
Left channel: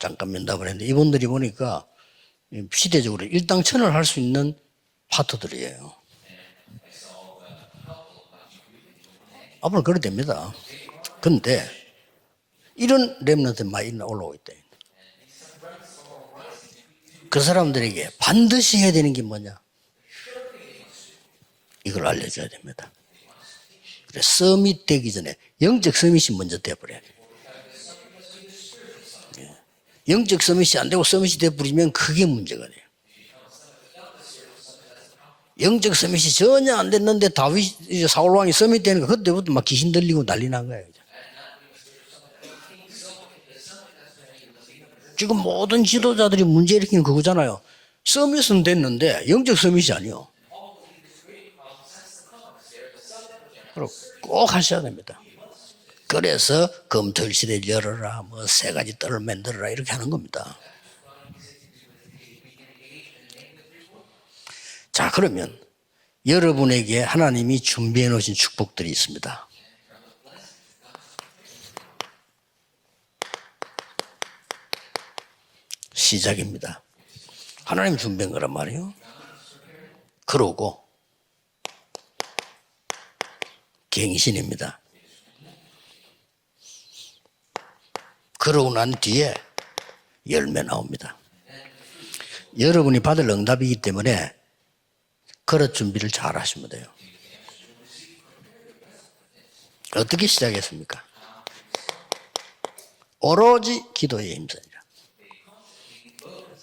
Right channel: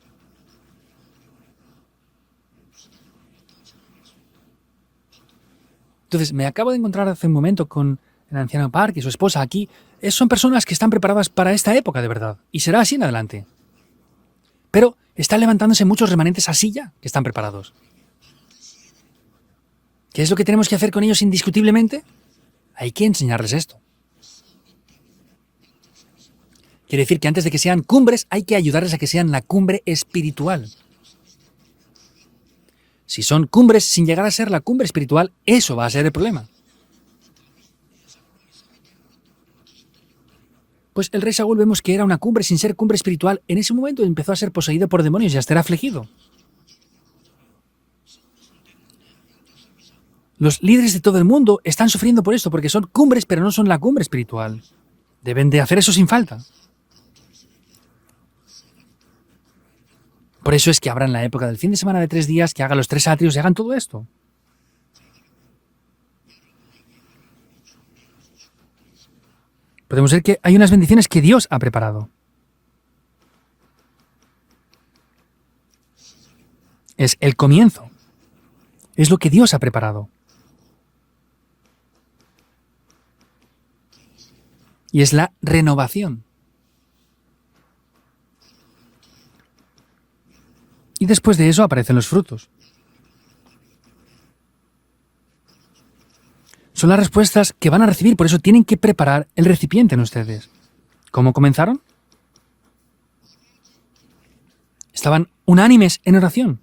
잠깐 면담을 했는데 이분들이 보니까 시대적으로 일당천을 할 수 있는 파트들이에요. Entonces, me acabo de encontrar hace un momento con el anciano Park y su esposa aquí. bueno, claro, Son 됩니다. personas que están preparadas para 근데 esta época, de verdad. Y será así en 이런 adelante. 렘넌트 많이 올라오고 있대. Pero están levantándose muchos remanentes así ya, que están 그 preparados. 사람들에게 반드시 해야 되는 게 뭐냐? ¿Qué es lo que tenemos que hacer con ellos indiscutiblemente? 이걸 알려줘야 됩니다. Hay que enseñarles esto. 그래, 서밋 되기 전에 영적 서밋이 먼저 돼버려요. Quiere decir que antes de que sean cumbres, hay que ayudarles a que sean la cumbre 영적 espiritual. 서밋이 안 되고 서밋이 돼버리면 그게 문제가 돼요. Si son cumbres sin llegar a ser la cumbre espiritual, eso va a 영적 ser el 서밋이 problema. 전혀 안 됐는데 다윗 사울 왕이 서밋 되니까 그때부터 막 귀신 들리고 난리 난 거예요. Pues el rey Saúl vemos que era una cumbre sin ser cumbre espiritual. En ese momento empezó a ser poseído por demonios y 지금 a estar 모든 afligido. 지도자들이 문제 일으키는 그거잖아요. 서밋은 됐는데 영적 서밋이 아니요. Los líderes de todo el mundo están sufriendo por esto, porque son cumbres, pero no son la cumbre 꼭 espiritual. 하셔야 됩니다. Deben de hacer eso sin falta. 그래서 검토일 시대를 열어라, 뭐 세 가지 뜰을 만들어라 이렇게 하는 겁니다. Por eso es que abran la época del fin de semana de 3 días, que hagan los 3 atrios y hagan todo esto. 자, 그러면 여러분에게 하나님이 준비해 놓으신 축복들이 있습니다. Podemos ver que hay unas bendiciones que Dios ha preparado. 시작입니다. Es el comienzo, 하나님 준비한 거란 말이에요. es lo que Dios ha preparado. 그러고 갱신입니다. Y es la renovación. 그러고 난 뒤에 열매 Y 나옵니다. después de eso aparecen los frutos. 여러분이 받을 응답이기 때문에 그릇 준비를 잘 하시면 돼요. Son las respuestas que van a recibir, por eso tienen que preparar el recipiente. en 어떻게 ustedes. 시작했습니까? ¿Cómo comenzaron? 오로지 기도에 힘써요. Estaban unánimes en oración.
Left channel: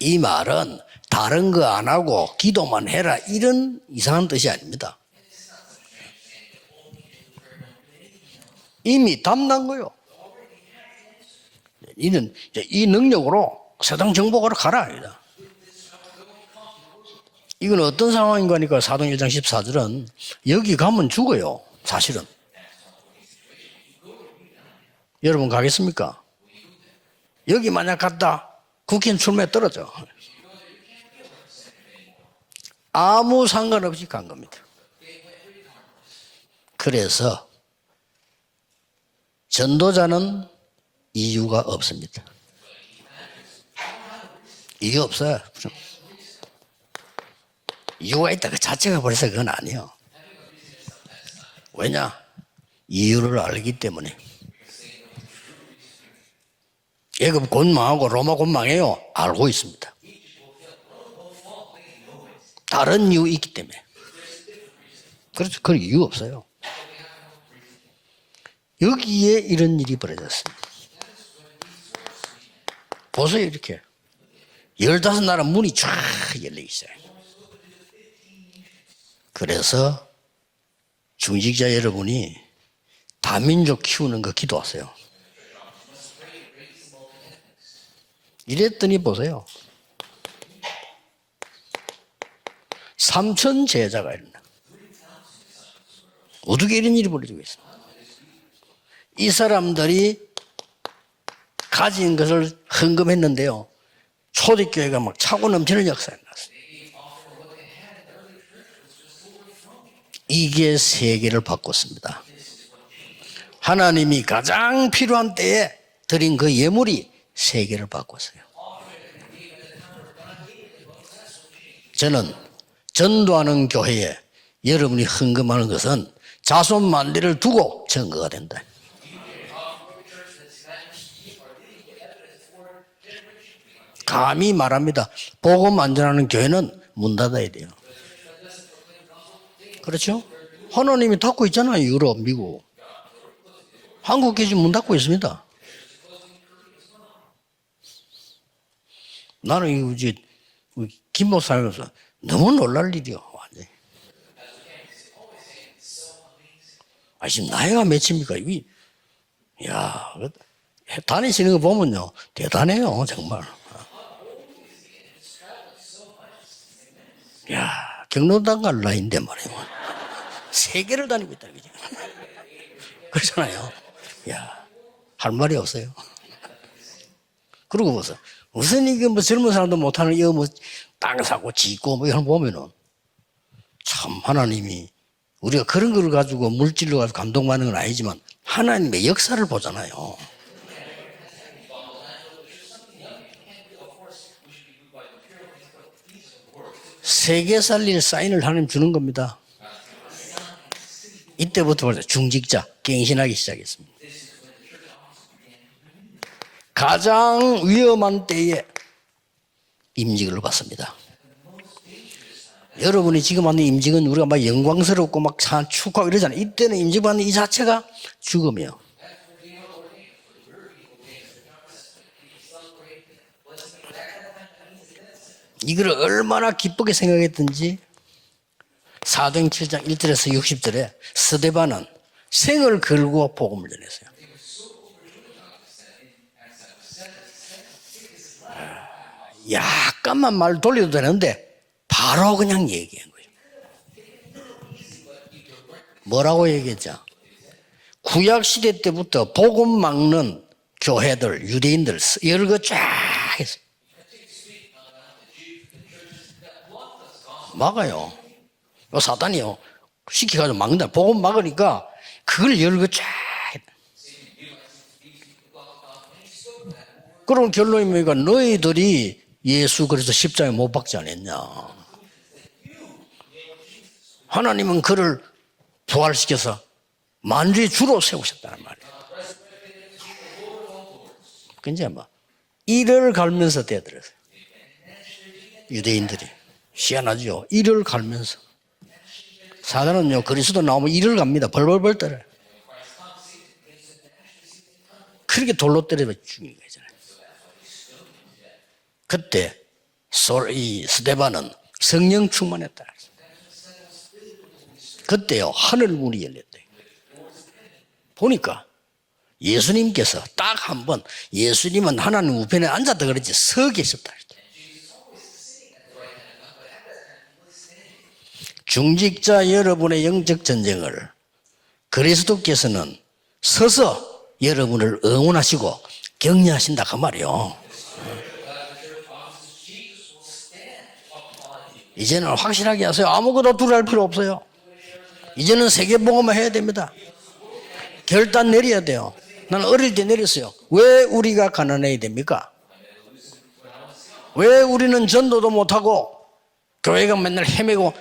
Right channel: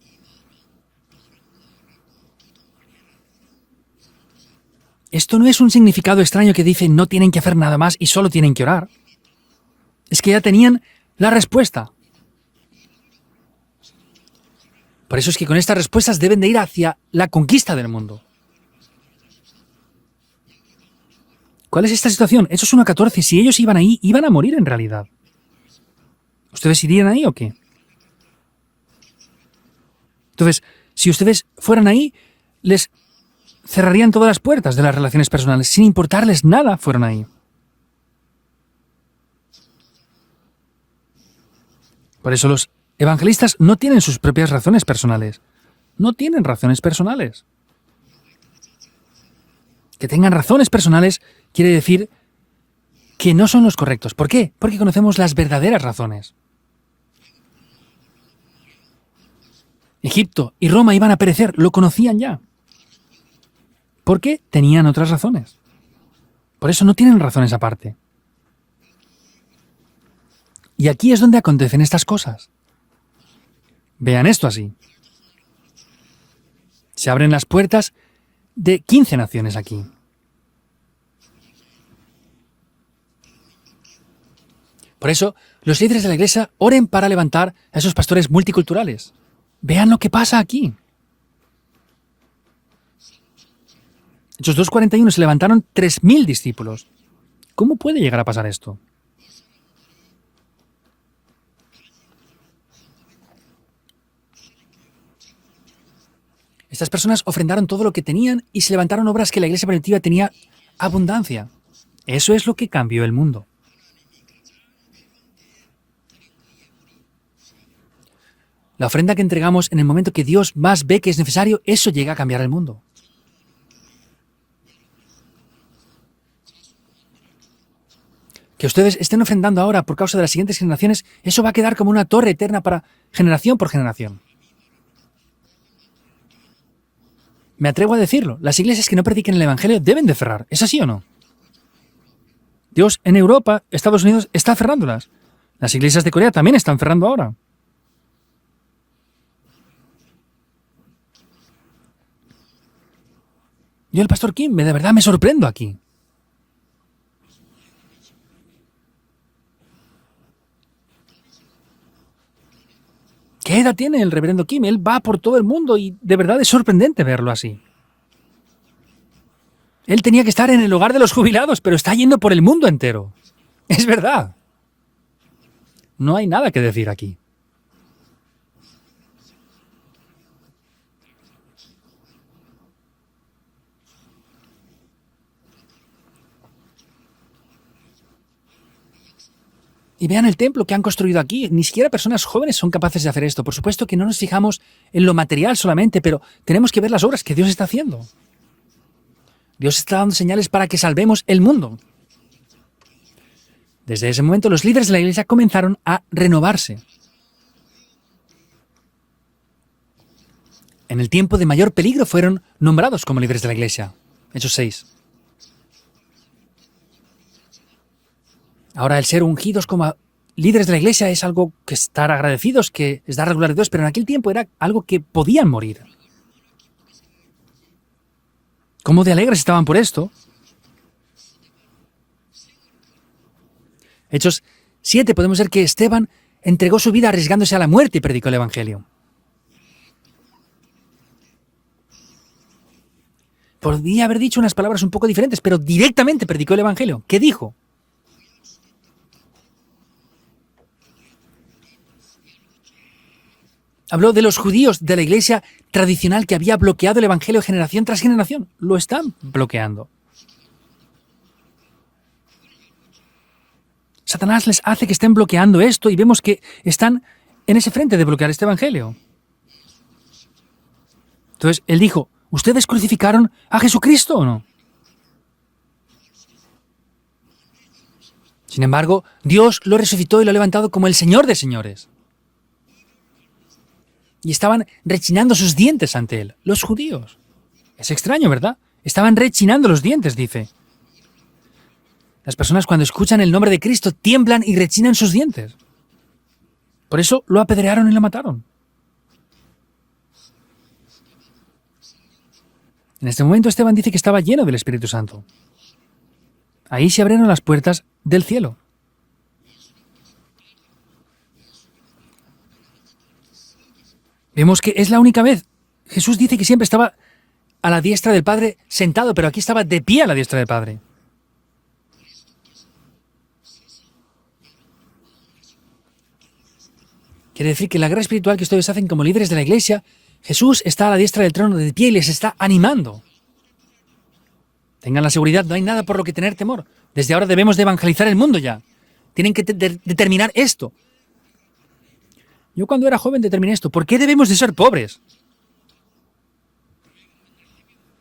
이 말은 다른 거 안 하고 기도만 해라 이런 이상한 뜻이 아닙니다. Esto no es un significado extraño que dice no tienen que hacer nada más y solo tienen que orar. 이미 답난 거요. Es que ya tenían la respuesta. 이는 이제 이 능력으로 세상 정복하러 가라. Por eso es que con estas respuestas deben de ir hacia la conquista 이건 del 어떤 mundo. 상황인가 하니까 사도행 1장 14절은 여기 가면 죽어요. ¿Cuál es esta 사실은. situación? Hechos 1:14. Si ellos iban ahí, iban a morir en realidad. 여러분 가겠습니까? ¿Ustedes irían ahí o qué? 여기 만약 갔다 국회의원 출마에 떨어져. Entonces, si ustedes fueran ahí, les 아무 상관. cerrarían todas las puertas de las relaciones personales, sin importarles nada fueran ahí. 그래서 전도자는 이유가 없습니다. Por eso los evangelistas no tienen sus propias razones 이유 personales. 없어요. No tienen razones personales. 이유가 있다 그 자체가 벌써 그건 아니에요. Que tengan razones personales quiere decir 왜냐? 이유를 que no son 알기 los correctos. 때문에. ¿Por qué? Porque conocemos las verdaderas razones. 애굽 곧 망하고 로마 곧 망해요. 알고 있습니다. Egipto y Roma iban a perecer, lo conocían ya. 다른 이유 있기 때문에. Porque tenían otras razones. 그래서 그 이유 없어요. Por eso no tienen razones aparte. 여기에 이런 일이 벌어졌습니다. Y aquí es donde acontecen estas cosas. 보세요 이렇게. Vean esto así. 15나라 문이 쫙 열려 있어요. Se abren las puertas de 15 naciones. 그래서 중직자 여러분이 다민족 키우는 거 기도하세요. Por eso, los líderes de la iglesia oren para levantar a esos pastores 그랬더니 multiculturales. 보세요. Vean lo que pasa aquí. 3천 제자가 있는. Hechos 2:41 se levantaron 3.000 discípulos. 어떻게 이런 일이 벌어지고 있어요? ¿Cómo puede llegar a pasar esto? 이 사람들이 가진 것을 헌금했는데요. 초대교회가 막 차고 넘치는 역사가 났어요. Estas personas ofrendaron todo lo que tenían y se levantaron obras que la iglesia primitiva tenía 이게 세계를 abundancia. 바꿨습니다. Eso es lo que cambió el mundo. 하나님이 가장 필요한 때에 드린 그 예물이 세계를 바꿨어요. La ofrenda que entregamos en el momento que Dios más ve que es necesario, eso llega a 저는 cambiar el mundo. 전도하는 교회에 여러분이 헌금하는 것은 자손 만대를 두고 증거가 된다. Que ustedes estén ofrendando ahora por causa de las siguientes generaciones, eso va a quedar como una torre eterna para generación por generación. 감히 말합니다. 복음 안 전하는 교회는 문 닫아야 돼요. Me atrevo a decirlo, las iglesias que no prediquen el Evangelio deben de cerrar. ¿Es así o no? 하나님이 닫고 있잖아요. 유럽, 미국. Dios en Europa, Estados Unidos 한국이 está 지금 문 닫고 cerrándolas. 있습니다. Las iglesias de Corea también están cerrando ahora. 나는 이거 이제 김모 살면서 너무 놀랄 일이요. 완전히. Yo, el pastor Kim, de verdad me sorprendo aquí. 아, 지금 나이가 몇입니까? 야, 다니시는 거 보면요. 대단해요, 정말. ¿Qué edad tiene el reverendo Kim? Él va por todo el mundo y de verdad es sorprendente verlo así. 야, 경로당 갈 나이인데 말이에요. Él tenía que estar en el hogar de los jubilados, pero está yendo por el mundo entero. 그렇잖아요. Es verdad. 야, 할 말이 없어요. No hay nada que decir aquí. 그러고 보세요. 무슨 이게 뭐 젊은 사람도 못하는 이거 뭐 땅 사고 짓고 뭐 이런 거 보면은 참 하나님이 우리가 그런 거를 가지고 물질로 가지고 감동받는 건 아니지만 하나님의 역사를 보잖아요. Y vean el templo que han construido aquí. Ni siquiera personas jóvenes son capaces de hacer esto. Por supuesto que no nos fijamos en lo material solamente, pero tenemos que ver las obras que Dios 세계 está 살릴 haciendo. 사인을 하나님 주는 겁니다. Dios está dando señales para que salvemos el mundo. 이때부터 벌써 중직자 갱신하기 시작했습니다. Desde ese momento, los líderes de la iglesia comenzaron a renovarse. 가장 위험한 때에 임직을 받습니다. En el tiempo de mayor peligro fueron nombrados como 여러분이 líderes 지금 de la 하는 iglesia. 임직은 우리가 막 Hechos 6. 영광스럽고 막 축하하고 이러잖아요. 이때는 임직받는 이 자체가 죽음이에요. Ahora el ser ungidos como líderes de la iglesia es algo que estar agradecidos, que es dar regular a Dios, pero en aquel tiempo era algo que podían morir. 이걸 얼마나 기쁘게 생각했든지 ¿Cómo de alegres estaban por 407절 esto? 1절에서 60절에 스데반은 생을 걸고 복음을 전했어요. Hechos 7 podemos ver que Esteban entregó su vida arriesgándose a la muerte y predicó el Evangelio. 약간만 말 돌려도 되는데 바로 그냥 얘기한 거예요. Podría haber dicho unas palabras un poco diferentes, pero directamente 뭐라고 predicó el 얘기했죠? Evangelio. ¿Qué dijo? 구약 시대 때부터 복음 막는 교회들, 유대인들 여러 거 쫙 했어요. Habló de los judíos de la iglesia tradicional que había bloqueado el Evangelio generación tras generación. Lo están 사단이요. bloqueando. 시켜가지고 막는다. 복음 막으니까 그걸 여러 거 쫙 했다. Satanás les hace que estén bloqueando esto y vemos que están 그럼 en ese frente de bloquear este Evangelio. 너희들이 예수 그리스도 십자가에 못 박지 않았냐. Entonces él dijo, ¿ustedes crucificaron a Jesucristo o no? 하나님은 그를 부활시켜서 만주의 주로 세우셨다. Sin embargo, Dios lo resucitó y lo ha levantado como el Señor de señores. 이제 뭐 이를 갈면서 대들었어요. Y estaban rechinando sus dientes ante él. Los judíos. 희한하죠. 이를 Es extraño, 갈면서. ¿verdad? Estaban rechinando los dientes, 사람은요 dice. 그리스도 나오면 이를 갑니다. 벌벌벌 떨어요. Las personas cuando escuchan el nombre de Cristo tiemblan y rechinan sus dientes. 그렇게 돌로 때려 죽인 거잖아요. Por eso lo apedrearon y lo mataron. 그때 이 스데반은 성령 충만했다. En este momento Esteban dice que estaba lleno del Espíritu Santo. 그때요 하늘 문이 열렸대요. Ahí se abrieron las puertas del cielo. 보니까 예수님께서 딱 한 번 예수님은 하나님 우편에 앉았다 그랬지 서 계셨다. Vemos que es la única vez. Jesús dice que siempre estaba a la diestra del Padre sentado, pero aquí 중직자 estaba de pie a la 여러분의 diestra 영적 del Padre. 전쟁을 그리스도께서는 서서 여러분을 응원하시고 격려하신다 그 말이요. Quiere decir que la guerra espiritual que ustedes hacen como líderes de la iglesia, Jesús está a la diestra del trono de pie y les 이제는 está 확실하게 animando. 하세요. 아무것도 두려울 필요 없어요. Tengan la seguridad, no hay 이제는 nada por lo que 세계복음을 tener 해야 temor. 됩니다. Desde ahora debemos de evangelizar el mundo 결단 ya. 내려야 돼요. Tienen que 나는 어릴 때 determinar 그랬어요. esto. 왜 우리가 가난해야 됩니까? Yo cuando era joven determiné esto. ¿Por qué debemos de ser 왜 pobres? 우리는 전도도 못하고 교회가 맨날 헤매고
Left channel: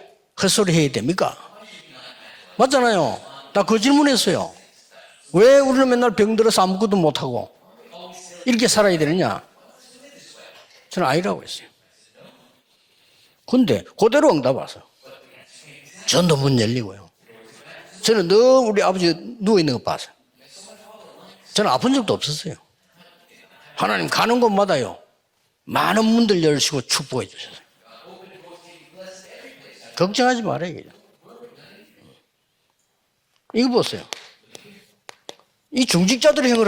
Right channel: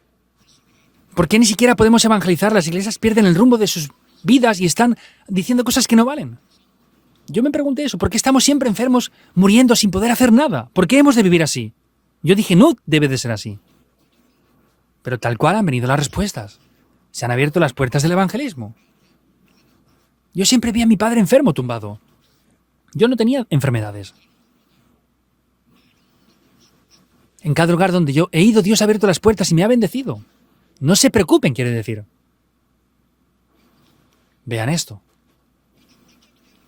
헛소리 해야 됩니까? ¿Por qué ni siquiera podemos evangelizar? Las iglesias 맞잖아요. pierden el rumbo 나 de 그 sus 질문했어요. vidas y están 왜 diciendo 우리는 cosas que no 맨날 valen. 병들어서 아무것도 못하고 Yo me pregunté eso. ¿Por qué estamos siempre 이렇게 살아야 enfermos, 되느냐? muriendo sin poder hacer nada? ¿Por qué Pero hemos de ahí no. vivir así? Yo dije, no debe de ser así. 근데 그대로 응답 왔어. Pero tal cual han venido las respuestas. 전도 문 열리고요. Se han abierto las puertas del 저는 늘 evangelismo. 우리 아버지 누워있는 거 봤어요. Yo siempre vi a mi padre enfermo. 저는 tumbado. 아픈 적도 없었어요. Yo no tenía enfermedad. 하나님 가는 곳마다요. 많은 문들 열시고 축복해 주세요. En cada lugar donde yo he ido, Dios ha abierto las puertas y me ha bendecido. 걱정하지 말아요. No se preocupen, quiere decir. 이거 보세요. Vean esto. 이 중직자들이 행을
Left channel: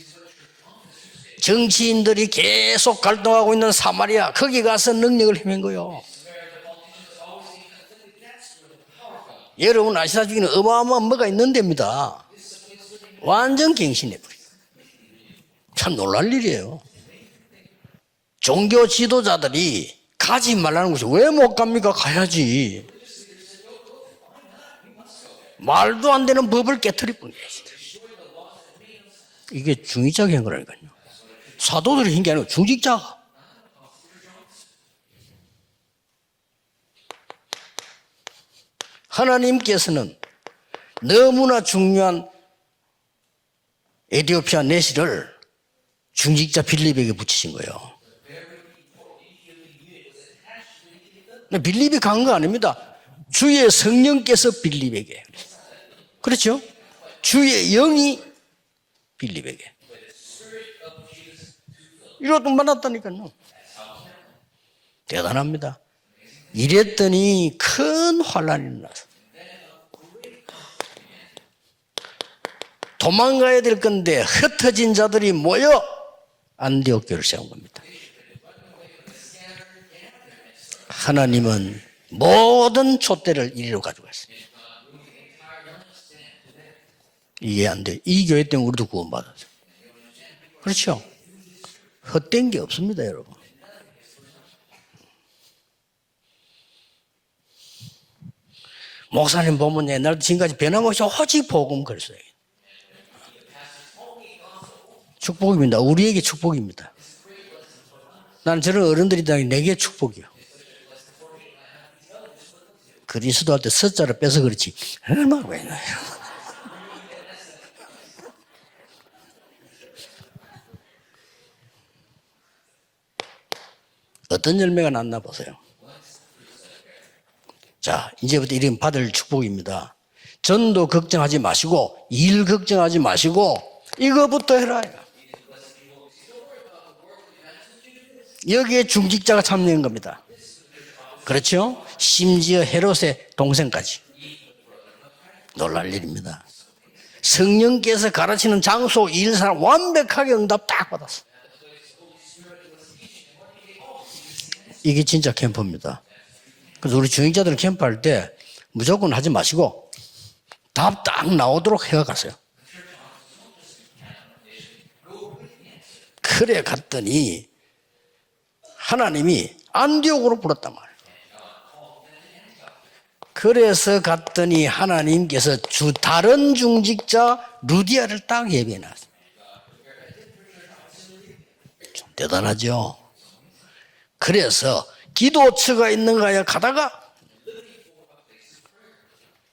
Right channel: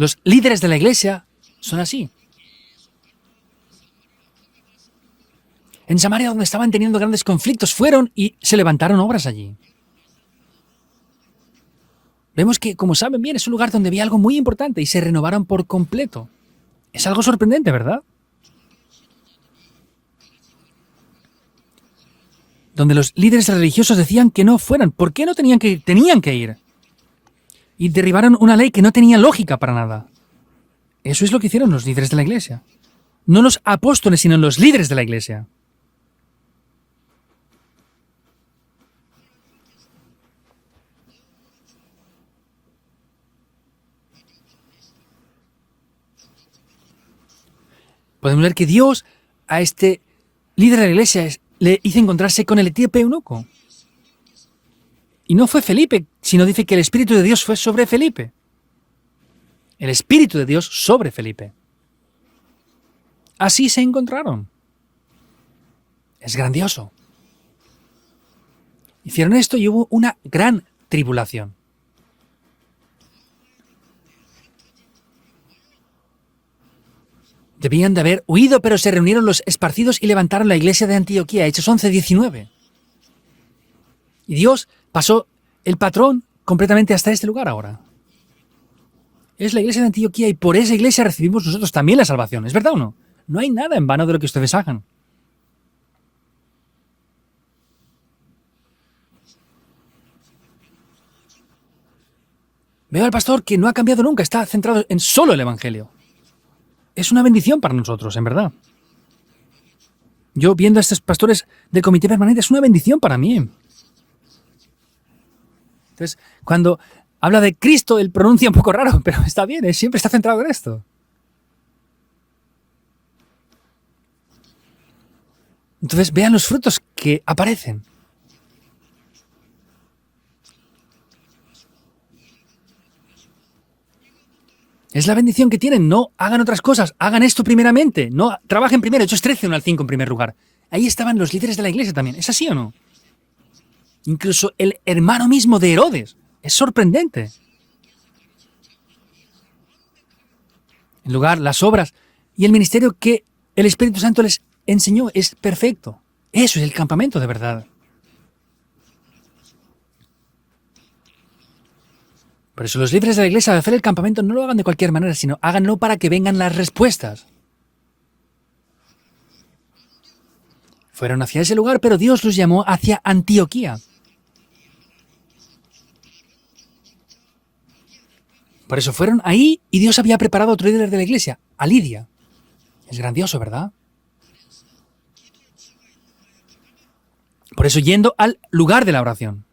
Los líderes de la iglesia, 정치인들이 계속 갈등하고 있는 사마리아 거기 가서 능력을 헤맨 거요. en Samaria, donde estaban teniendo grandes conflictos, fueron y se levantaron obras allí. 여러분 아시다시피 어마어마한 뭐가 있는 데입니다. Vemos que, como saben bien, es un lugar donde había algo muy importante y se renovaron por 참 completo. 놀랄 일이에요. Es algo sorprendente, ¿verdad? 종교 지도자들이 가지 말라는 것이 왜 못 갑니까? 가야지. Donde los líderes religiosos decían que no fueran. ¿Por qué no tenían que ir? 말도 Tenían 안 que 되는 ir. 법을 깨뜨릴 뿐이에요. Y derribaron una ley que no tenía lógica para 이게 nada. 중직자가 한 거라니까요. Eso es lo que hicieron los líderes 사도들이 de la 중직자 iglesia. 중직자가. No los apóstoles, sino los líderes de la iglesia. 하나님께서는 너무나 중요한 에티오피아 내시를 중직자 빌립에게 붙이신 거예요. Podemos ver que Dios a este líder de la iglesia le hizo 빌립이 간 거 encontrarse con el 아닙니다. etíope eunuco. 주의 성령께서 빌립에게, Y no fue Felipe, sino 그렇죠? dice que el Espíritu de Dios fue 주의 sobre 영이 Felipe. 빌립에게. El Espíritu de Dios sobre Felipe. 이러도 만났다니까요. Así se encontraron. 대단합니다. Es grandioso. 이랬더니 큰 환란이 일어났어요. Hicieron esto y hubo una gran tribulación. 도망가야 될 건데 흩어진 자들이 모여 안디옥 교회를 세운 겁니다. Debían de haber huido, pero se reunieron los esparcidos y levantaron la iglesia de Antioquía. 하나님은 Hechos 11:19. 모든 촛대를 이리로 가지고 갔어요. Y Dios pasó el patrón completamente hasta este lugar 이해 ahora. 안 돼. 이 교회 때문에 우리도 구원받았어요. Es la iglesia de Antioquía y por esa 그렇죠. iglesia recibimos nosotros también la salvación. ¿Es verdad o no? 없습니다, 여러분. No hay nada en vano de lo que ustedes hagan. 목사님 보면 옛날 지금까지 변함없이 오직 복음 그랬어요. Veo al pastor que no ha cambiado nunca, está centrado en solo el 축복입니다. evangelio. 우리에게 축복입니다. Es una bendición para nosotros, en verdad. 난 저런 어른들이 내게 축복이요. Yo viendo a estos pastores del comité permanente es una bendición para mí. 그리스도할 때 숫자를 빼서 그렇지. 얼마나 왜? Cuando habla de Cristo, él pronuncia un poco raro, pero está bien, él siempre está centrado en esto. 어떤 열매가 났나 보세요. Entonces vean los frutos que aparecen. 자, 이제부터 이런 받을 축복입니다. 전도 걱정하지 마시고 일 걱정하지 마시고 이거부터 해라. Es la bendición que tienen. No hagan otras cosas, hagan esto primeramente. No trabajen primero. Hechos 13, 중직자가 5 en 찾는 primer 겁니다. lugar. Ahí estaban los líderes de 그렇죠? la iglesia también. ¿Es así o 심지어 no? 헤롯의 동생까지. Incluso el hermano mismo de Herodes. 놀랍습니다. Es sorprendente. 성령께서 가르치는 장소, 일, 사람 완벽하게 응답 딱 El 받았어요. lugar, las obras y el ministerio que el Espíritu Santo les enseñó 이게 진짜 es perfecto. 캠프입니다. Eso es el 우리 campamento de 중직자들 verdad. 캠프할 때 무조건 하지 마시고 답 딱 나오도록 해가세요. Por eso los líderes de la iglesia al hacer el campamento no lo hagan de cualquier manera, sino háganlo para que vengan las 그래 respuestas. 갔더니 하나님이 안디옥으로 불렀단 말이에요. Fueron hacia ese lugar, pero Dios los llamó hacia Antioquía. 그래서 갔더니 하나님께서 다른 중직자 루디아를 딱 예비해. Por eso fueron ahí y Dios había preparado a otro líder de la iglesia, a Lidia. 대단하죠. Es grandioso, ¿verdad? 그래서 기도처가 있는가에 가다가 Por eso yendo al lugar de la oración.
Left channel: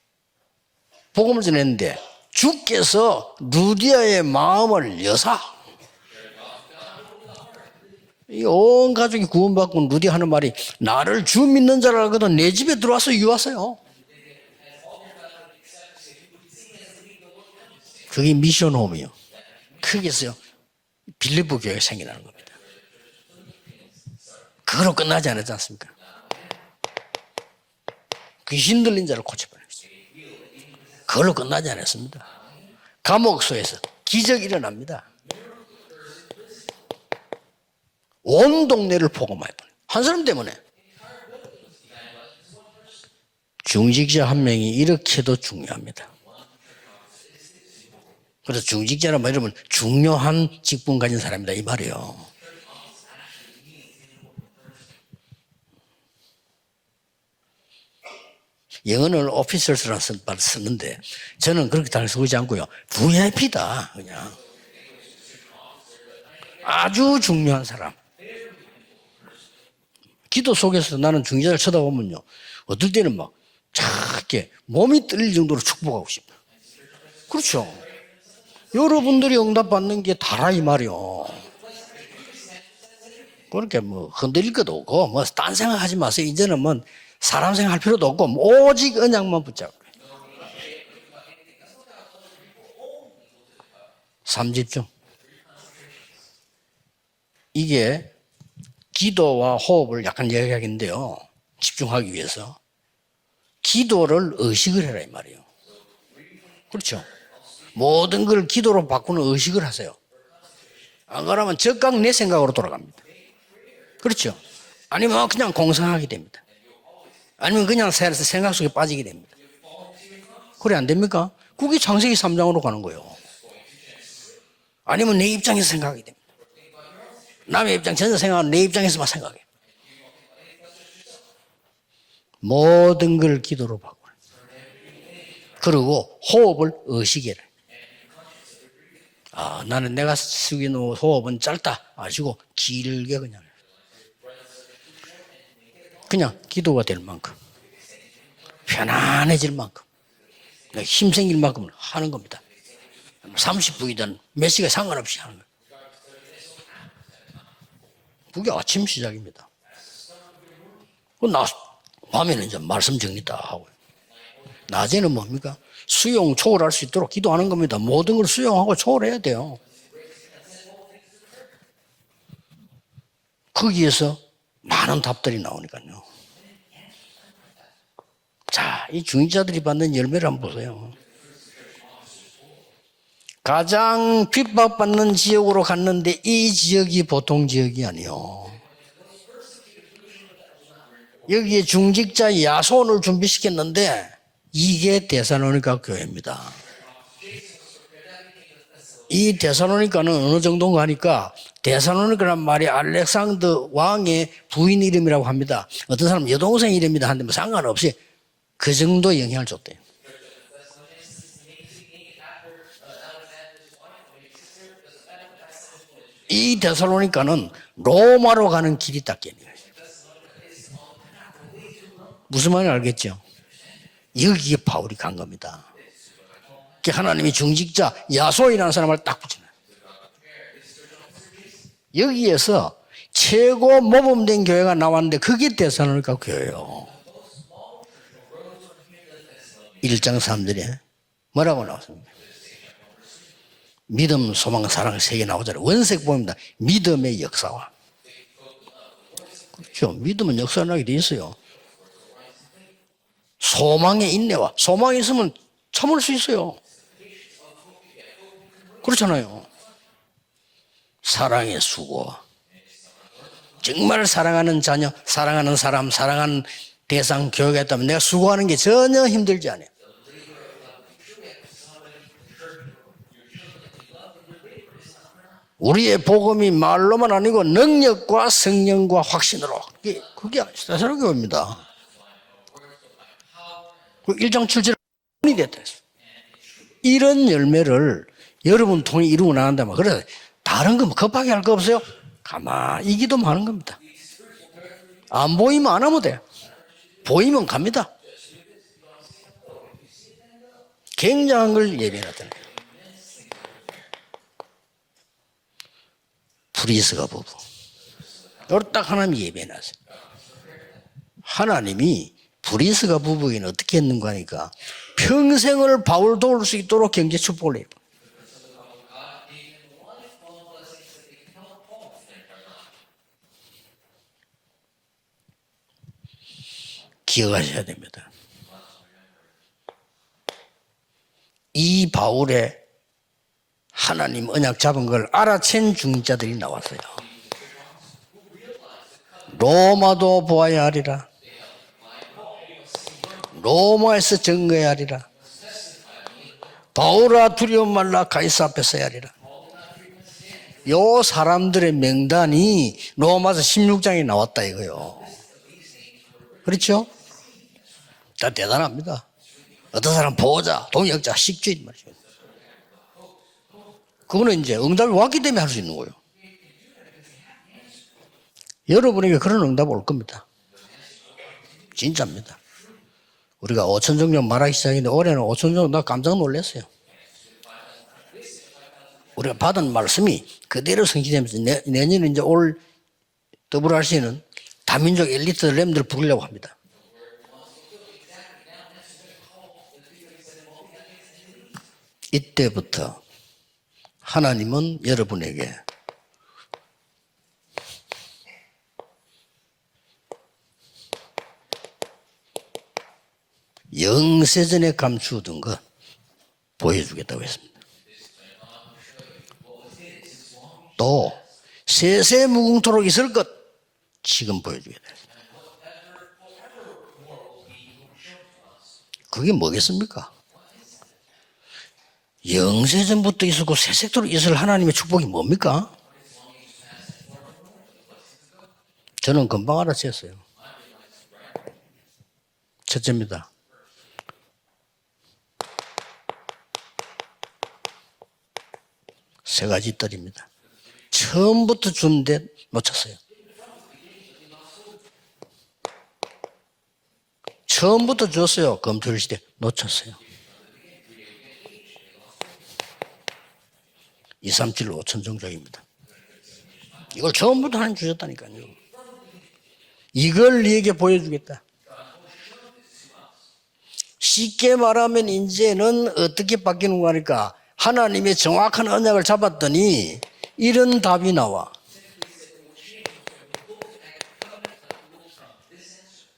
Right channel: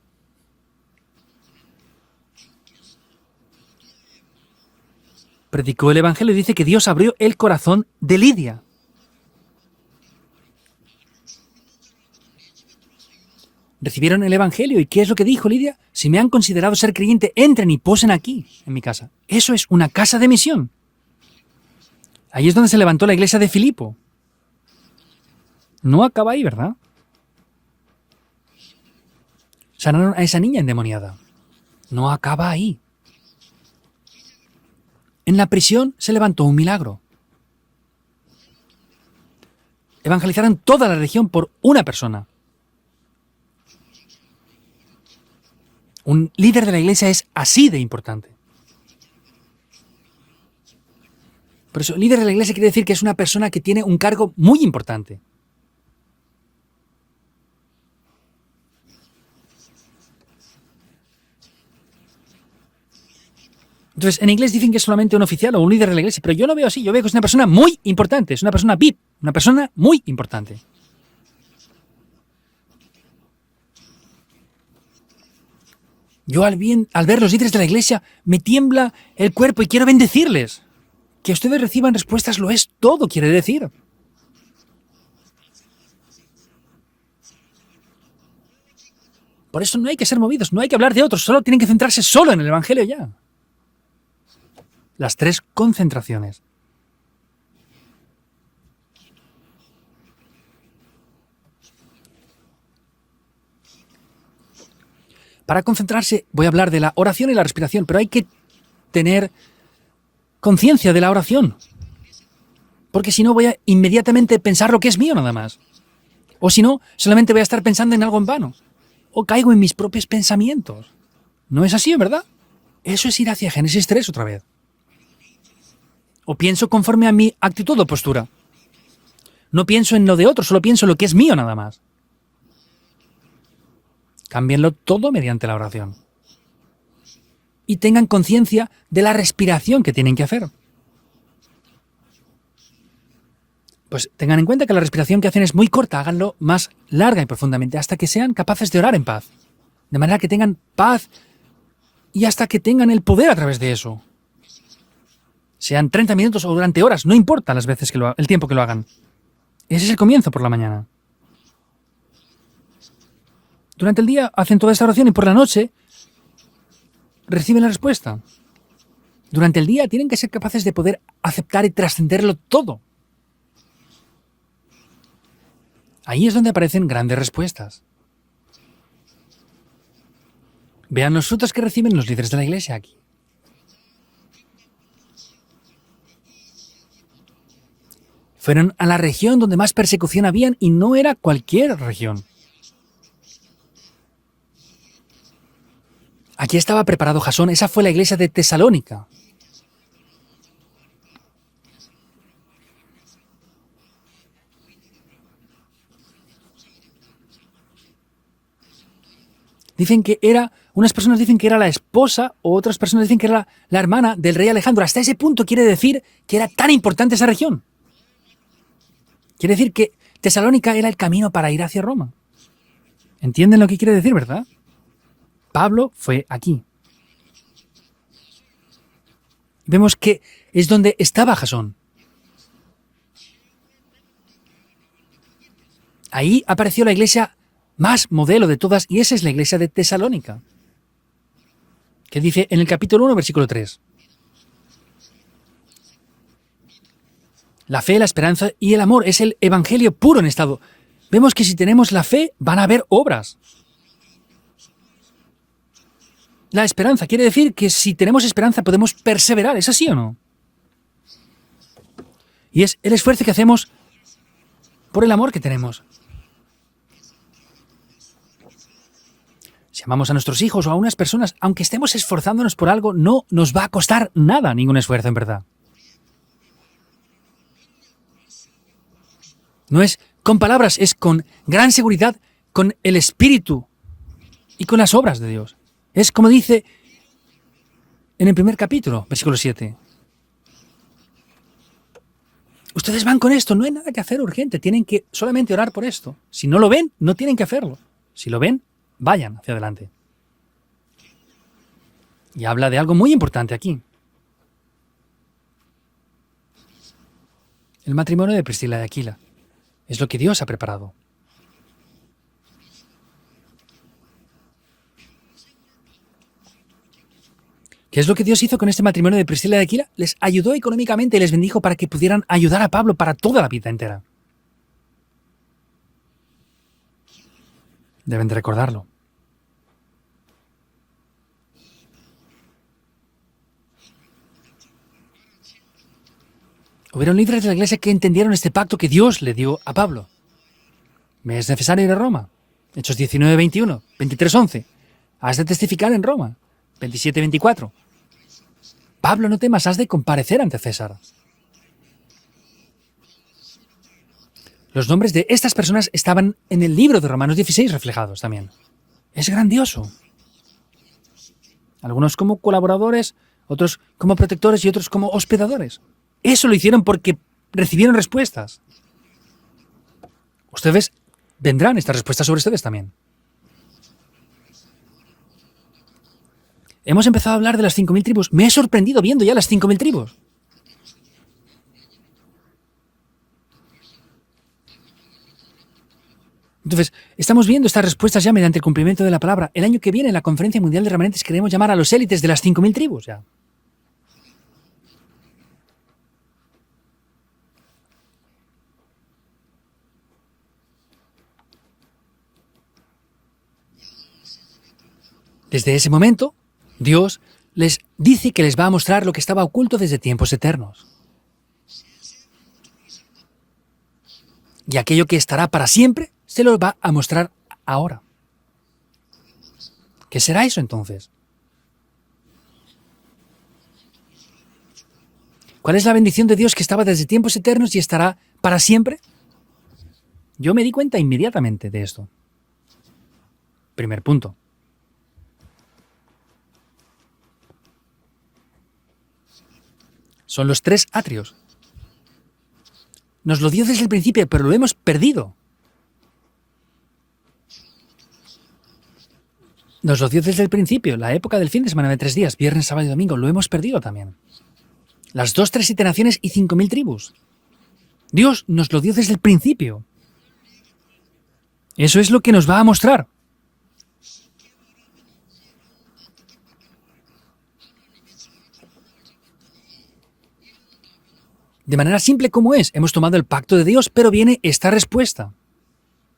복음을 전했는데 주께서 루디아의 마음을 여사 Predicó el evangelio y dice que Dios abrió el corazón de Lidia. 온 가족이 구원받고 루디아 하는 말이 나를 주 믿는 자라 알거든 내 집에 들어와서 유하세요. Recibieron el evangelio y ¿qué es lo que dijo Lidia? Si me han considerado ser creyente, entren y posen aquí. 그게 en mi casa. 미션홈이요. Eso es una casa de misión. 빌립보 교회가 생겨나는 거예요. Ahí es donde se levantó la iglesia de Filipo. 그걸로 끝나지 않았지 않습니까? No acaba ahí, ¿verdad? 귀신 들린 자를 고쳐버렸어요. Sanaron a esa niña endemoniada. 그걸로 끝나지 않았어요. No acaba ahí. 감옥소에서 기적이 일어납니다. En la prisión se levantó un milagro. 온 동네를 복음하여 한 사람 때문에 Evangelizaron toda la región por una persona. 중직자 한 명이 이렇게도 중요합니다. Un líder de la iglesia es así de importante. 그래서 중직자라 말하면 중요한 직분 가진 사람이다 이 Por eso, 말이에요. líder de la iglesia quiere decir que es una persona que tiene un cargo muy importante. 영어는 officers라는 말 쓰는데 저는 그렇게 잘 쓰지 않고요. VIP다. Entonces, en inglés dicen que es solamente un oficial o un líder de la iglesia, pero yo lo veo así, yo veo que es una 아주 persona 중요한 muy 사람. importante, es una persona VIP, una persona muy importante. 기도 속에서 나는 중직자를 쳐다보면요. 어떨 때는 막 작게 몸이 떨릴 정도로 축복하고 싶어요. Yo al ver los líderes de la iglesia me tiembla 여러분들이 el cuerpo y quiero 응답받는 게 다이 bendecirles. 말이요. Que ustedes reciban respuestas lo es todo, quiere decir. 그렇게 뭐 흔들릴 것도 없고 뭐 딴 생각하지 마세요. 이제는 뭐 사람 생각할 필요도 없고 오직 언약만 Por 붙잡고. eso no hay que ser movidos, no hay que hablar de otros, solo tienen que centrarse solo en el Evangelio ya. 3집중. Las 3 concentraciones. 이게 기도와 호흡을 약간 이야기하겠는데요. 집중하기 위해서. 기도를 의식을 해라 이 말이에요. Para concentrarse voy a hablar de la oración y la respiración, pero hay que 모든 걸 기도로 tener 바꾸는 의식을 하세요. conciencia de la oración, 그러면 즉각 내 생각으로 돌아갑니다. porque si no voy a inmediatamente 그렇죠. pensar lo que es mío 아니면 nada 그냥 más. 공상하게 됩니다. O si no, solamente voy a estar 아니면 그냥 pensando en algo en 생각 vano. 속에 빠지게 됩니다. O caigo en mis propios pensamientos. 그래 안 됩니까? No es 그게 así, 창세기 ¿verdad? 3장으로 가는 거예요. Eso es ir hacia Génesis 3 otra vez. 아니면 내 입장에서 생각하게 됩니다. O pienso conforme a mi 남의 actitud o 입장에서 postura. 생각하면 내 입장에서만 생각해. No pienso en lo de otro, solo pienso en lo que es mío nada más. 모든 걸 기도로 바꿔라. Cámbienlo todo mediante la oración. 그리고 호흡을 의식해라. Y tengan conciencia de la respiración que 나는 tienen 내가 que hacer. 쓰기는 호흡은 짧다. 아시고 길게 그냥. Pues tengan en cuenta que la respiración que hacen es muy corta, háganlo 그냥 más 기도가 되는 larga y profundamente hasta que sean capaces de orar en paz. 편안해질 만큼. De manera que tengan paz 힘 생길 만큼 하는 y 겁니다. hasta que tengan el poder a través de eso. 30분이든 몇 시간 상관없이 하는 거예요. Sean 30 minutos o durante horas, no importa las veces que el tiempo que 그게 lo 아침 hagan. 시작입니다. Ese es el comienzo por la mañana. 나 밤에는 이제 말씀 정리 다 하고. Durante el día hacen toda esta oración y por la noche, 수용 초월할 수 있도록 기도하는 reciben la 겁니다. respuesta. 모든 걸 수용하고 초월해야 돼요. durante el día tienen que ser capaces de poder aceptar y trascenderlo todo. 거기에서 많은 답들이 나오니까요. Ahí es donde aparecen grandes respuestas. 자, 이 중직자들이 받는 열매를 한번 보세요. Vean los frutos que reciben los líderes de la iglesia aquí. 가장 핍박받는 지역으로 갔는데 이 지역이 보통 지역이 아니요. Fueron a la región donde más persecución habían y no era 여기 cualquier región. 중직자 야손을 준비시켰는데 이게 데살로니가 교회입니다. Aquí estaba preparado Jasón, esa fue la iglesia de Tesalónica. 이 데살로니가는 어느 정도인가 하니까 데살로니가란 말이 알렉산더 왕의 부인 이름이라고 합니다. 어떤 사람은 여동생 이름이다 하는데 뭐 상관없이 그 정도 영향을 줬대요. Dicen que era, unas personas dicen que era la esposa, o otras personas dicen que era la hermana del rey Alejandro. Hasta ese punto quiere decir que era 이 tan importante esa región. 데살로니가는 로마로 가는 길이 딱 게. Quiere decir que Tesalónica era el camino para ir hacia Roma. 무슨 말인지 알겠죠? ¿Entienden lo que quiere decir, verdad? 여기에 바울이 간 겁니다. Pablo fue aquí. 하나님이 중직자 야손이라는 사람을 딱 붙이는. Vemos que es donde estaba Jasón. 여기에서 최고 모범된 교회가 나왔는데 그게 데살로니가 Ahí 교회예요. apareció la iglesia más modelo de todas y esa es la iglesia de 1장 Tesalónica, 3절에 뭐라고 나왔습니까? que dice en el capítulo 1, versículo 3. 믿음, 소망, 사랑 세 개 나오잖아요. 원색 보입니다. 믿음의 역사와. La fe, la esperanza y el amor es el evangelio 그렇죠. puro en 믿음은 estado. 역사하게 돼 있어요. Vemos que si tenemos la fe, van a haber obras. 소망의 인내와 소망이 있으면 참을 수 있어요. La esperanza quiere decir que si tenemos esperanza podemos 그렇잖아요. perseverar, ¿es así o no? 사랑의 수고. Y es el esfuerzo que hacemos. 정말 사랑하는 자녀, Por el amor que 사랑하는 tenemos. 사람, 사랑하는 대상 교회가 있다면 내가 수고하는 게 전혀 힘들지 않아요. Si amamos a nuestros hijos o a unas personas, aunque estemos esforzándonos por algo, no nos va a costar nada, ningún esfuerzo en verdad. 우리의 복음이 말로만 아니고 능력과 성령과 확신으로. No es con palabras, es con gran seguridad, con el espíritu, 1장 y 7절 con las obras de Dios. Es como dice 이런 열매를 En el primer 여러분 capítulo, 통해 이루고 versículo 나간다면 그래 다른 거 급하게 할 거 없어요? 가만히 ustedes van con esto, no hay nada que hacer urgente, tienen que solamente 보이면 orar 안 por 하면 esto. Si no lo ven, no tienen que 보이면 hacerlo. 갑니다. Si lo ven, vayan hacia adelante. 굉장한 걸 예배하잖아요. Y habla de algo muy importante aquí, 브리스가 부부. el matrimonio de 딱 Priscila y Aquila. 하나님이 예배해놨어요. Es lo que Dios ha preparado. 하나님이 브리스가 부부에게는 어떻게 했는가 하니까 평생을 바울 도울 수 있도록 경제 축복을 해요. ¿Qué es lo que Dios hizo con este matrimonio de Priscila y Aquila? Les ayudó económicamente y les bendijo para que pudieran ayudar a Pablo para toda la vida entera. 기억하셔야 됩니다. Deben de recordarlo. 이 바울의 하나님 언약 잡은 걸 알아챈 중자들이 나왔어요. Hubieron líderes de la iglesia que entendieron este pacto que Dios le dio a Pablo. 로마도 보아야 하리라. Me es necesario ir a Roma. Hechos 19, 21, 로마에서 23, 11. 증거해야 하리라. Has de testificar en Roma. 바울아 17:24. 두려움 말라 가이사 앞에 서야 하리라. Pablo, no temas, has de comparecer ante César. 요 사람들의 명단이 로마서 16장에 나왔다 이거요. Los nombres de estas personas estaban en ¿K렇죠? el libro de Romanos 16 reflejados. 다 también. 대단합니다. Es grandioso. 어떤 사람 보호자, 동역자, 식주인 말이죠. Algunos como colaboradores, otros como 그거는 protectores 이제 y otros 응답을 como 받기 때문에 할수 hospedadores. 있는 거예요. Eso lo hicieron porque recibieron respuestas. 여러분에게 그런 응답 올 겁니다. Ustedes vendrán estas 진짜입니다. respuestas sobre ustedes también. 우리가 5천 종족 말하기 시작했는데 올해는 5천 종족 나 깜짝 놀랐어요. Hemos empezado a hablar de las 5.000 tribus. Me he sorprendido viendo ya 우리가 las 받은 5.000 tribus. 말씀이 그대로 성취되면서 내년에 이제 올 WRC는 다민족 엘리트 렘들 부르려고 합니다. Entonces, estamos viendo estas respuestas ya mediante el cumplimiento de la palabra. El año que viene, en la Conferencia Mundial de Remanentes, queremos llamar a los élites de las 5.000 tribus. Ya. 하나님은 여러분에게 영세전에 감추던 것 Desde ese momento, 보여주겠다고 Dios 했습니다. les dice que les va a mostrar lo que estaba oculto desde tiempos eternos. 또 세세 무궁토록 있을 것 지금 보여줍니다. Y aquello que estará para siempre, se lo va a mostrar ahora. 그게 뭐겠습니까? ¿Qué será eso entonces? 영세전부터 있었고 세sek토록 있을 하나님의 축복이 뭡니까? ¿Cuál es la bendición de Dios que estaba desde tiempos eternos y estará para siempre? 저는 금방 알아챘어요. Yo me di cuenta inmediatamente de esto. 첫째입니다. Primer punto. 세 가지 뜰입니다. Son los tres atrios. 처음부터 준데 놓쳤어요. Nos lo dio desde el principio, pero lo hemos perdido. 처음부터 줬어요. 검토일 시대 놓쳤어요. Nos lo dio desde el principio, la época del fin de semana de 3 días, viernes, sábado y domingo. Lo hemos perdido también. 2, 3, 7, 5천 정도. Las 2, 3, 7 naciones y 5.000 tribus. 이걸 처음부터 하나님 주셨다니까. Dios nos lo dio desde el principio. 이걸 네게 보여주겠다. Eso es lo que nos va a mostrar. 쉽게 말하면 이제는 어떻게 바뀌는 거니까 하나님의 정확한 언약을 잡았더니 이런 답이 나와. De manera simple como es, hemos tomado el pacto de Dios, pero viene esta respuesta.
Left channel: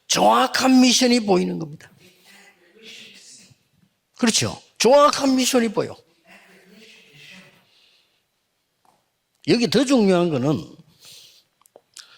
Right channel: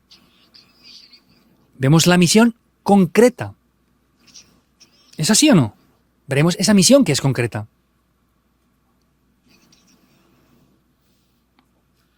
정확한 미션이 보이는 겁니다. Vemos la misión concreta. 그렇죠. 정확한 ¿Es así o 미션이 no? 보여. Veremos esa misión que es concreta. 여기 더 중요한 거는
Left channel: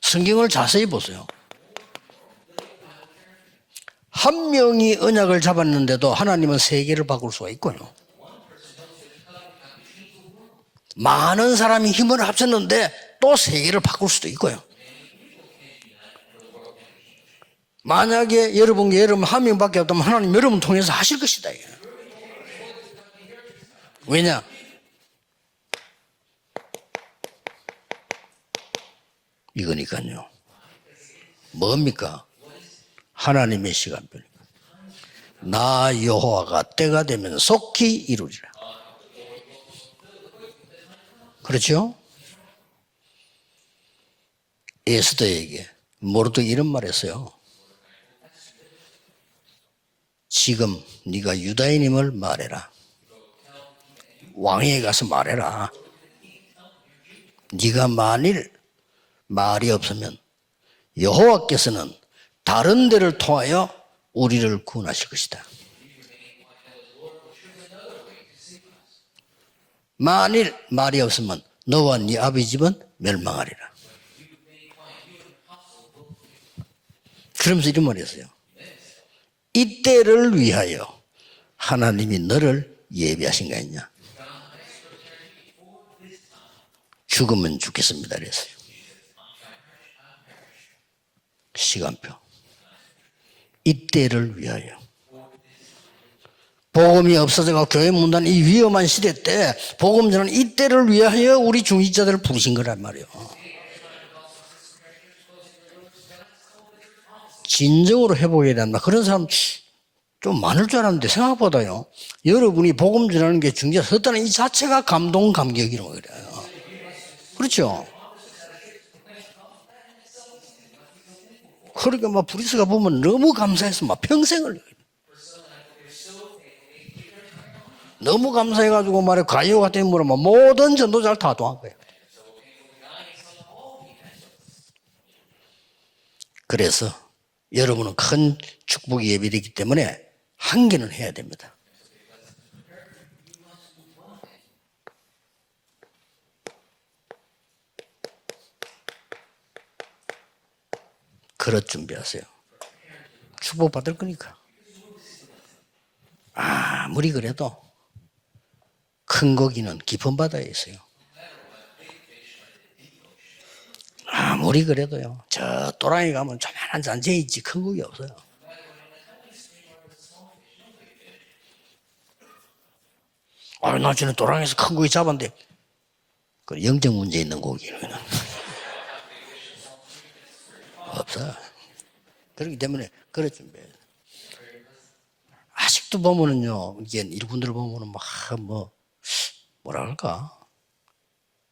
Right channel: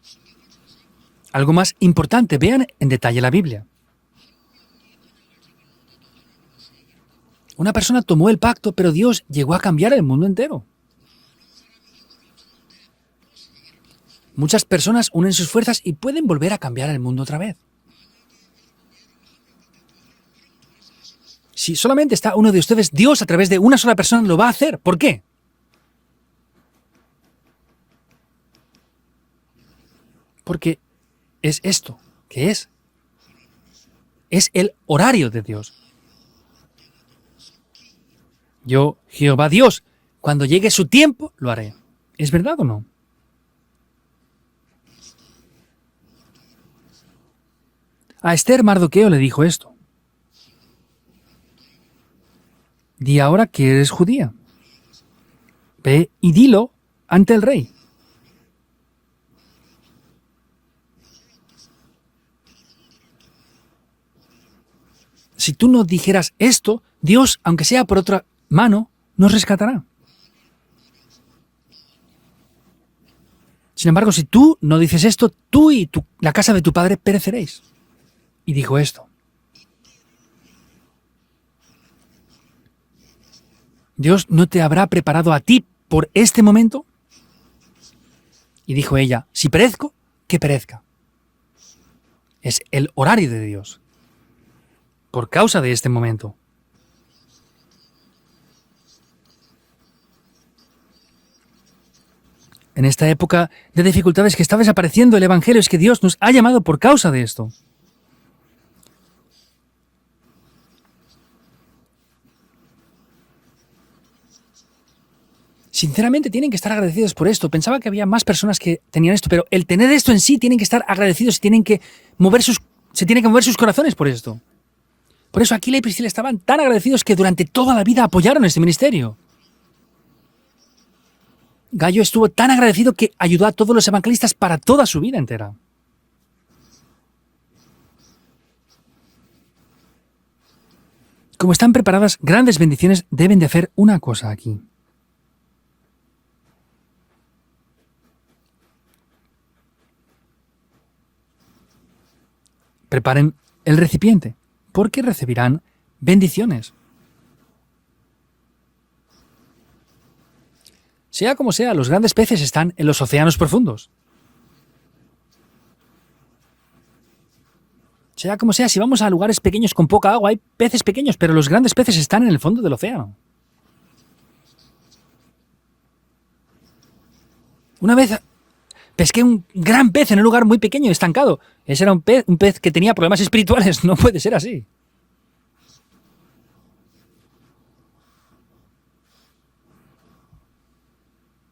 성경을 자세히 보세요. Algo más importante, vean en detalle la Biblia. 한 명이 언약을 잡았는데도 하나님은 세계를 바꿀 수가 있고 Una persona tomó el pacto, pero Dios llegó a cambiar el mundo entero. 많은 사람이 힘을 합쳤는데 또 세계를 바꿀 수도 있고요. Muchas personas unen sus fuerzas y pueden volver a cambiar el mundo otra vez. 만약에 여러분 한 명밖에 없다면 하나님 여러분 통해서 하실 것이다. Si solamente está uno de ustedes, Dios a través de una sola persona Mira. lo va a hacer. ¿Por qué? 이거니까요. Porque es 뭡니까? ¿qué es? 하나님의 시간별. Es el horario de Dios. 나 여호와가 때가 되면 속히 이루리라. Yo, Jehová Dios, cuando llegue su tiempo, lo haré. 그렇죠? ¿Es verdad o no? 에스더에게 모르드가 이런 말했어요. A Esther Mardoqueo le dijo esto. 지금 네가 유다인임을 말해라. Di ahora que eres judía. 왕에게 가서 말해라. Ve y dilo ante el rey. 네가 만일 말이 없으면 여호와께서는 다른 데를 통하여 우리를 구원하실 것이다. Si tú no dijeras esto, Dios, aunque sea por otra mano, nos rescatará. 만일 말이 없으면 너와 네 아비 집은 멸망하리라. Sin embargo, si tú no dices esto, tú y la casa de tu padre pereceréis. 그러면서 이런 말이 했어요. Y dijo esto. 이때를 위하여 하나님이 너를 예비하신 거 아니냐. Dios no te habrá preparado a ti por este momento. 죽으면 죽겠습니다. 그랬어요. Y dijo ella, si perezco, que perezca. 시간표. Es el horario de Dios. 이때를 위하여. Por causa de este momento. 복음이 없어져가 교회 문단 이 위험한 시대 때 복음 전은 이때를 위하여 우리 중직자들을 부르신 거란 En esta 말이에요. época de dificultades que está desapareciendo el Evangelio, es que Dios nos ha llamado por causa de esto. 진정으로 회복해야 된다. 그런 사람 좀 많을 줄 알았는데 생각보다요. 여러분이 복음 전하는 게 중직자 섰다는 이 자체가 감동 감격이에요. Sinceramente tienen que estar agradecidos por esto. K렇죠. Pensaba que había más personas que tenían esto, pero el tener esto en sí tienen que estar agradecidos y tienen que 그러니까 막 mover sus, 프리스가 보면 se tienen que 너무 mover sus 감사해서 corazones 막 por esto. 평생을 Por eso Aquila y Priscila estaban tan agradecidos que durante toda la vida 너무 apoyaron este 감사해가지고 ministerio. 말해 가요 같은 물으면 모든 전도자를 다 도한 거예요. Gallo estuvo tan agradecido que ayudó a todos los evangelistas para toda su vida entera. 그래서 여러분은 큰 축복이 예비되기 때문에 한 개는 해야 됩니다. Como están preparadas grandes bendiciones, deben de hacer una cosa aquí. 그릇 준비하세요. Preparen el recipiente, porque recibirán bendiciones. 아무리 그래도 큰 고기는 깊은 바다에 있어요. Sea como sea, los grandes peces están en los océanos profundos. 아무리 그래도요. 저 또랑이 가면 조만한 잔재 있지 큰 고기 없어요. Sea como sea, si vamos a lugares pequeños con poca agua, hay peces pequeños, pero los grandes peces están en el fondo del océano. 나 전에 또랑에서 큰 고기 잡았는데 그 영적 문제 있는 고기를. Una vez pesqué un gran pez en un lugar muy pequeño, estancado. Ese era un pez que tenía problemas espirituales. No puede ser así. 아직도 보면은요. 이게 이분들 보면은 뭐라 할까?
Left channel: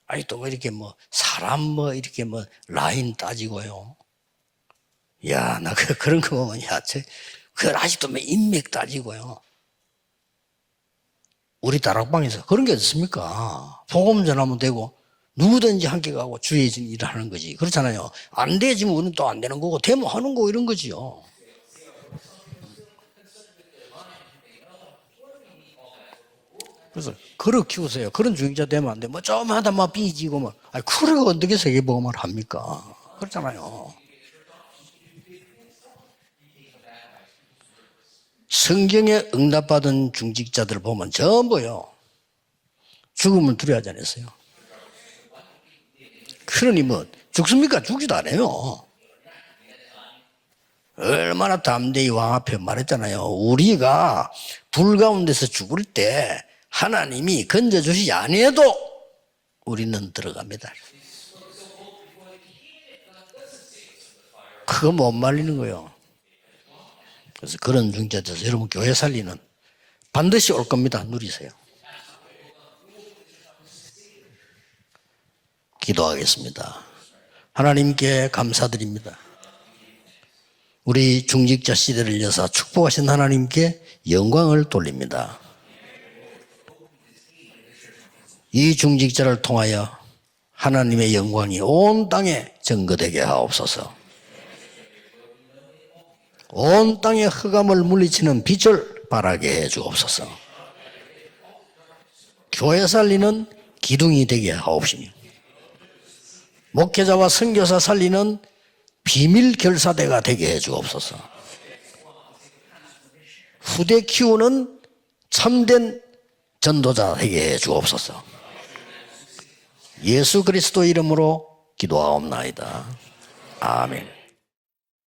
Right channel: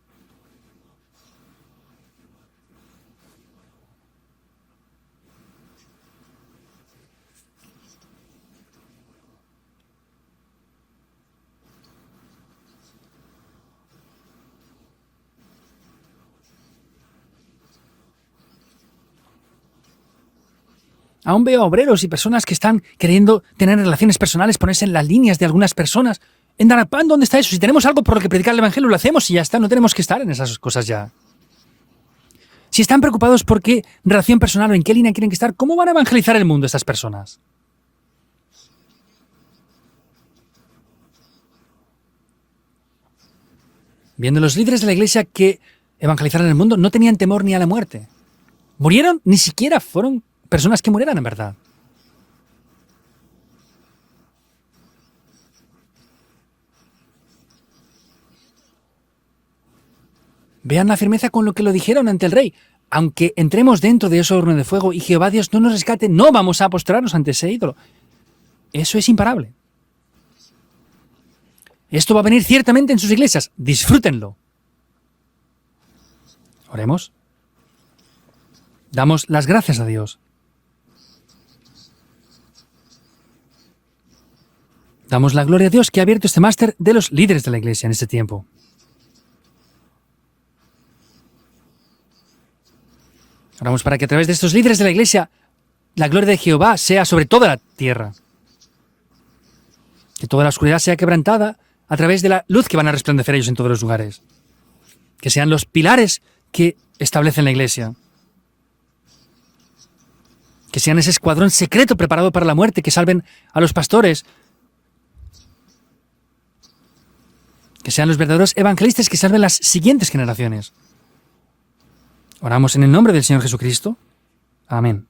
아니 또 뭐 이렇게 뭐 사람 뭐 이렇게 뭐 라인 따지고요. 야, 나 그런 거 보면 그 아직도 뭐 인맥 따지고요. 우리 다락방에서 그런 게 없습니까? 복음 전하면 되고 누구든지 함께 가고 주의 일을 하는 거지. 그렇잖아요. 안 되지면 우리는 또 안 되는 거고 되면 하는 거 이런 거지요. Aún veo obreros y personas que están queriendo tener relaciones personales, ponerse en las líneas de algunas personas. En Darakpan, ¿dónde está eso? Si tenemos algo por lo que predicar el Evangelio, lo hacemos y ya está. No tenemos que estar en esas cosas ya. 그리고 어떻게 세계복음을 합니까? Si están preocupados por qué relación personal o en qué línea quieren que estar, ¿cómo van a evangelizar el mundo estas personas? 성경에 응답받은 중직자들 보면 전부요. 죽음을 두려워하지 않았어요. Viendo los líderes de la iglesia que evangelizaron el mundo, no tenían temor ni a la 죽습니까? muerte. 죽지도 않아요. ¿Murieron? Ni siquiera fueron personas que murieron. 얼마나 담대히 왕 앞에 말했잖아요. 우리가 불 가운데서 죽을 때 하나님이 건져주시지 아니해도 우리는 들어갑니다. Vean la firmeza con lo que lo dijeron ante el rey. Aunque entremos dentro de ese horno de fuego y Jehová Dios no nos rescate, no vamos a postrarnos ante ese ídolo. 그런 중자들 여러분 교회 Eso es 살리면 imparable. 반드시 올 겁니다. 누리세요. Esto va a venir ciertamente en sus iglesias. Disfrútenlo. 기도하겠습니다. Oremos. 하나님께 감사드립니다. Damos las gracias a Dios. 우리 중직자 시대를 여사 축복하신 하나님께 영광을 돌립니다. Damos la gloria a Dios que ha abierto este máster de los líderes de la iglesia en este tiempo. 이 중직자를 통하여 하나님의 영광이 온 땅에 증거되게 Oramos 하옵소서. para que a través de estos líderes de la iglesia la gloria de Jehová 온 sea sobre 땅에 toda la 흑암을 tierra. 물리치는 빛을 발하게 해 주옵소서. Toda la oscuridad sea quebrantada a través de la luz que 교회 van a resplandecer 살리는 ellos en todos los lugares. 기둥이 되게 하옵시며 Que sean los pilares que 목회자와 establecen la 선교사 iglesia. 살리는 비밀 결사대가 되게 해 Que 주옵소서. sean ese escuadrón secreto preparado para la muerte, que salven a los 후대 pastores. 키우는 참된 전도자 되게 해 Que sean 주옵소서. los verdaderos evangelistas que salven las siguientes 예수 generaciones. 그리스도 이름으로 기도하옵나이다. Oramos en el nombre del Señor Jesucristo. 아멘. Amén.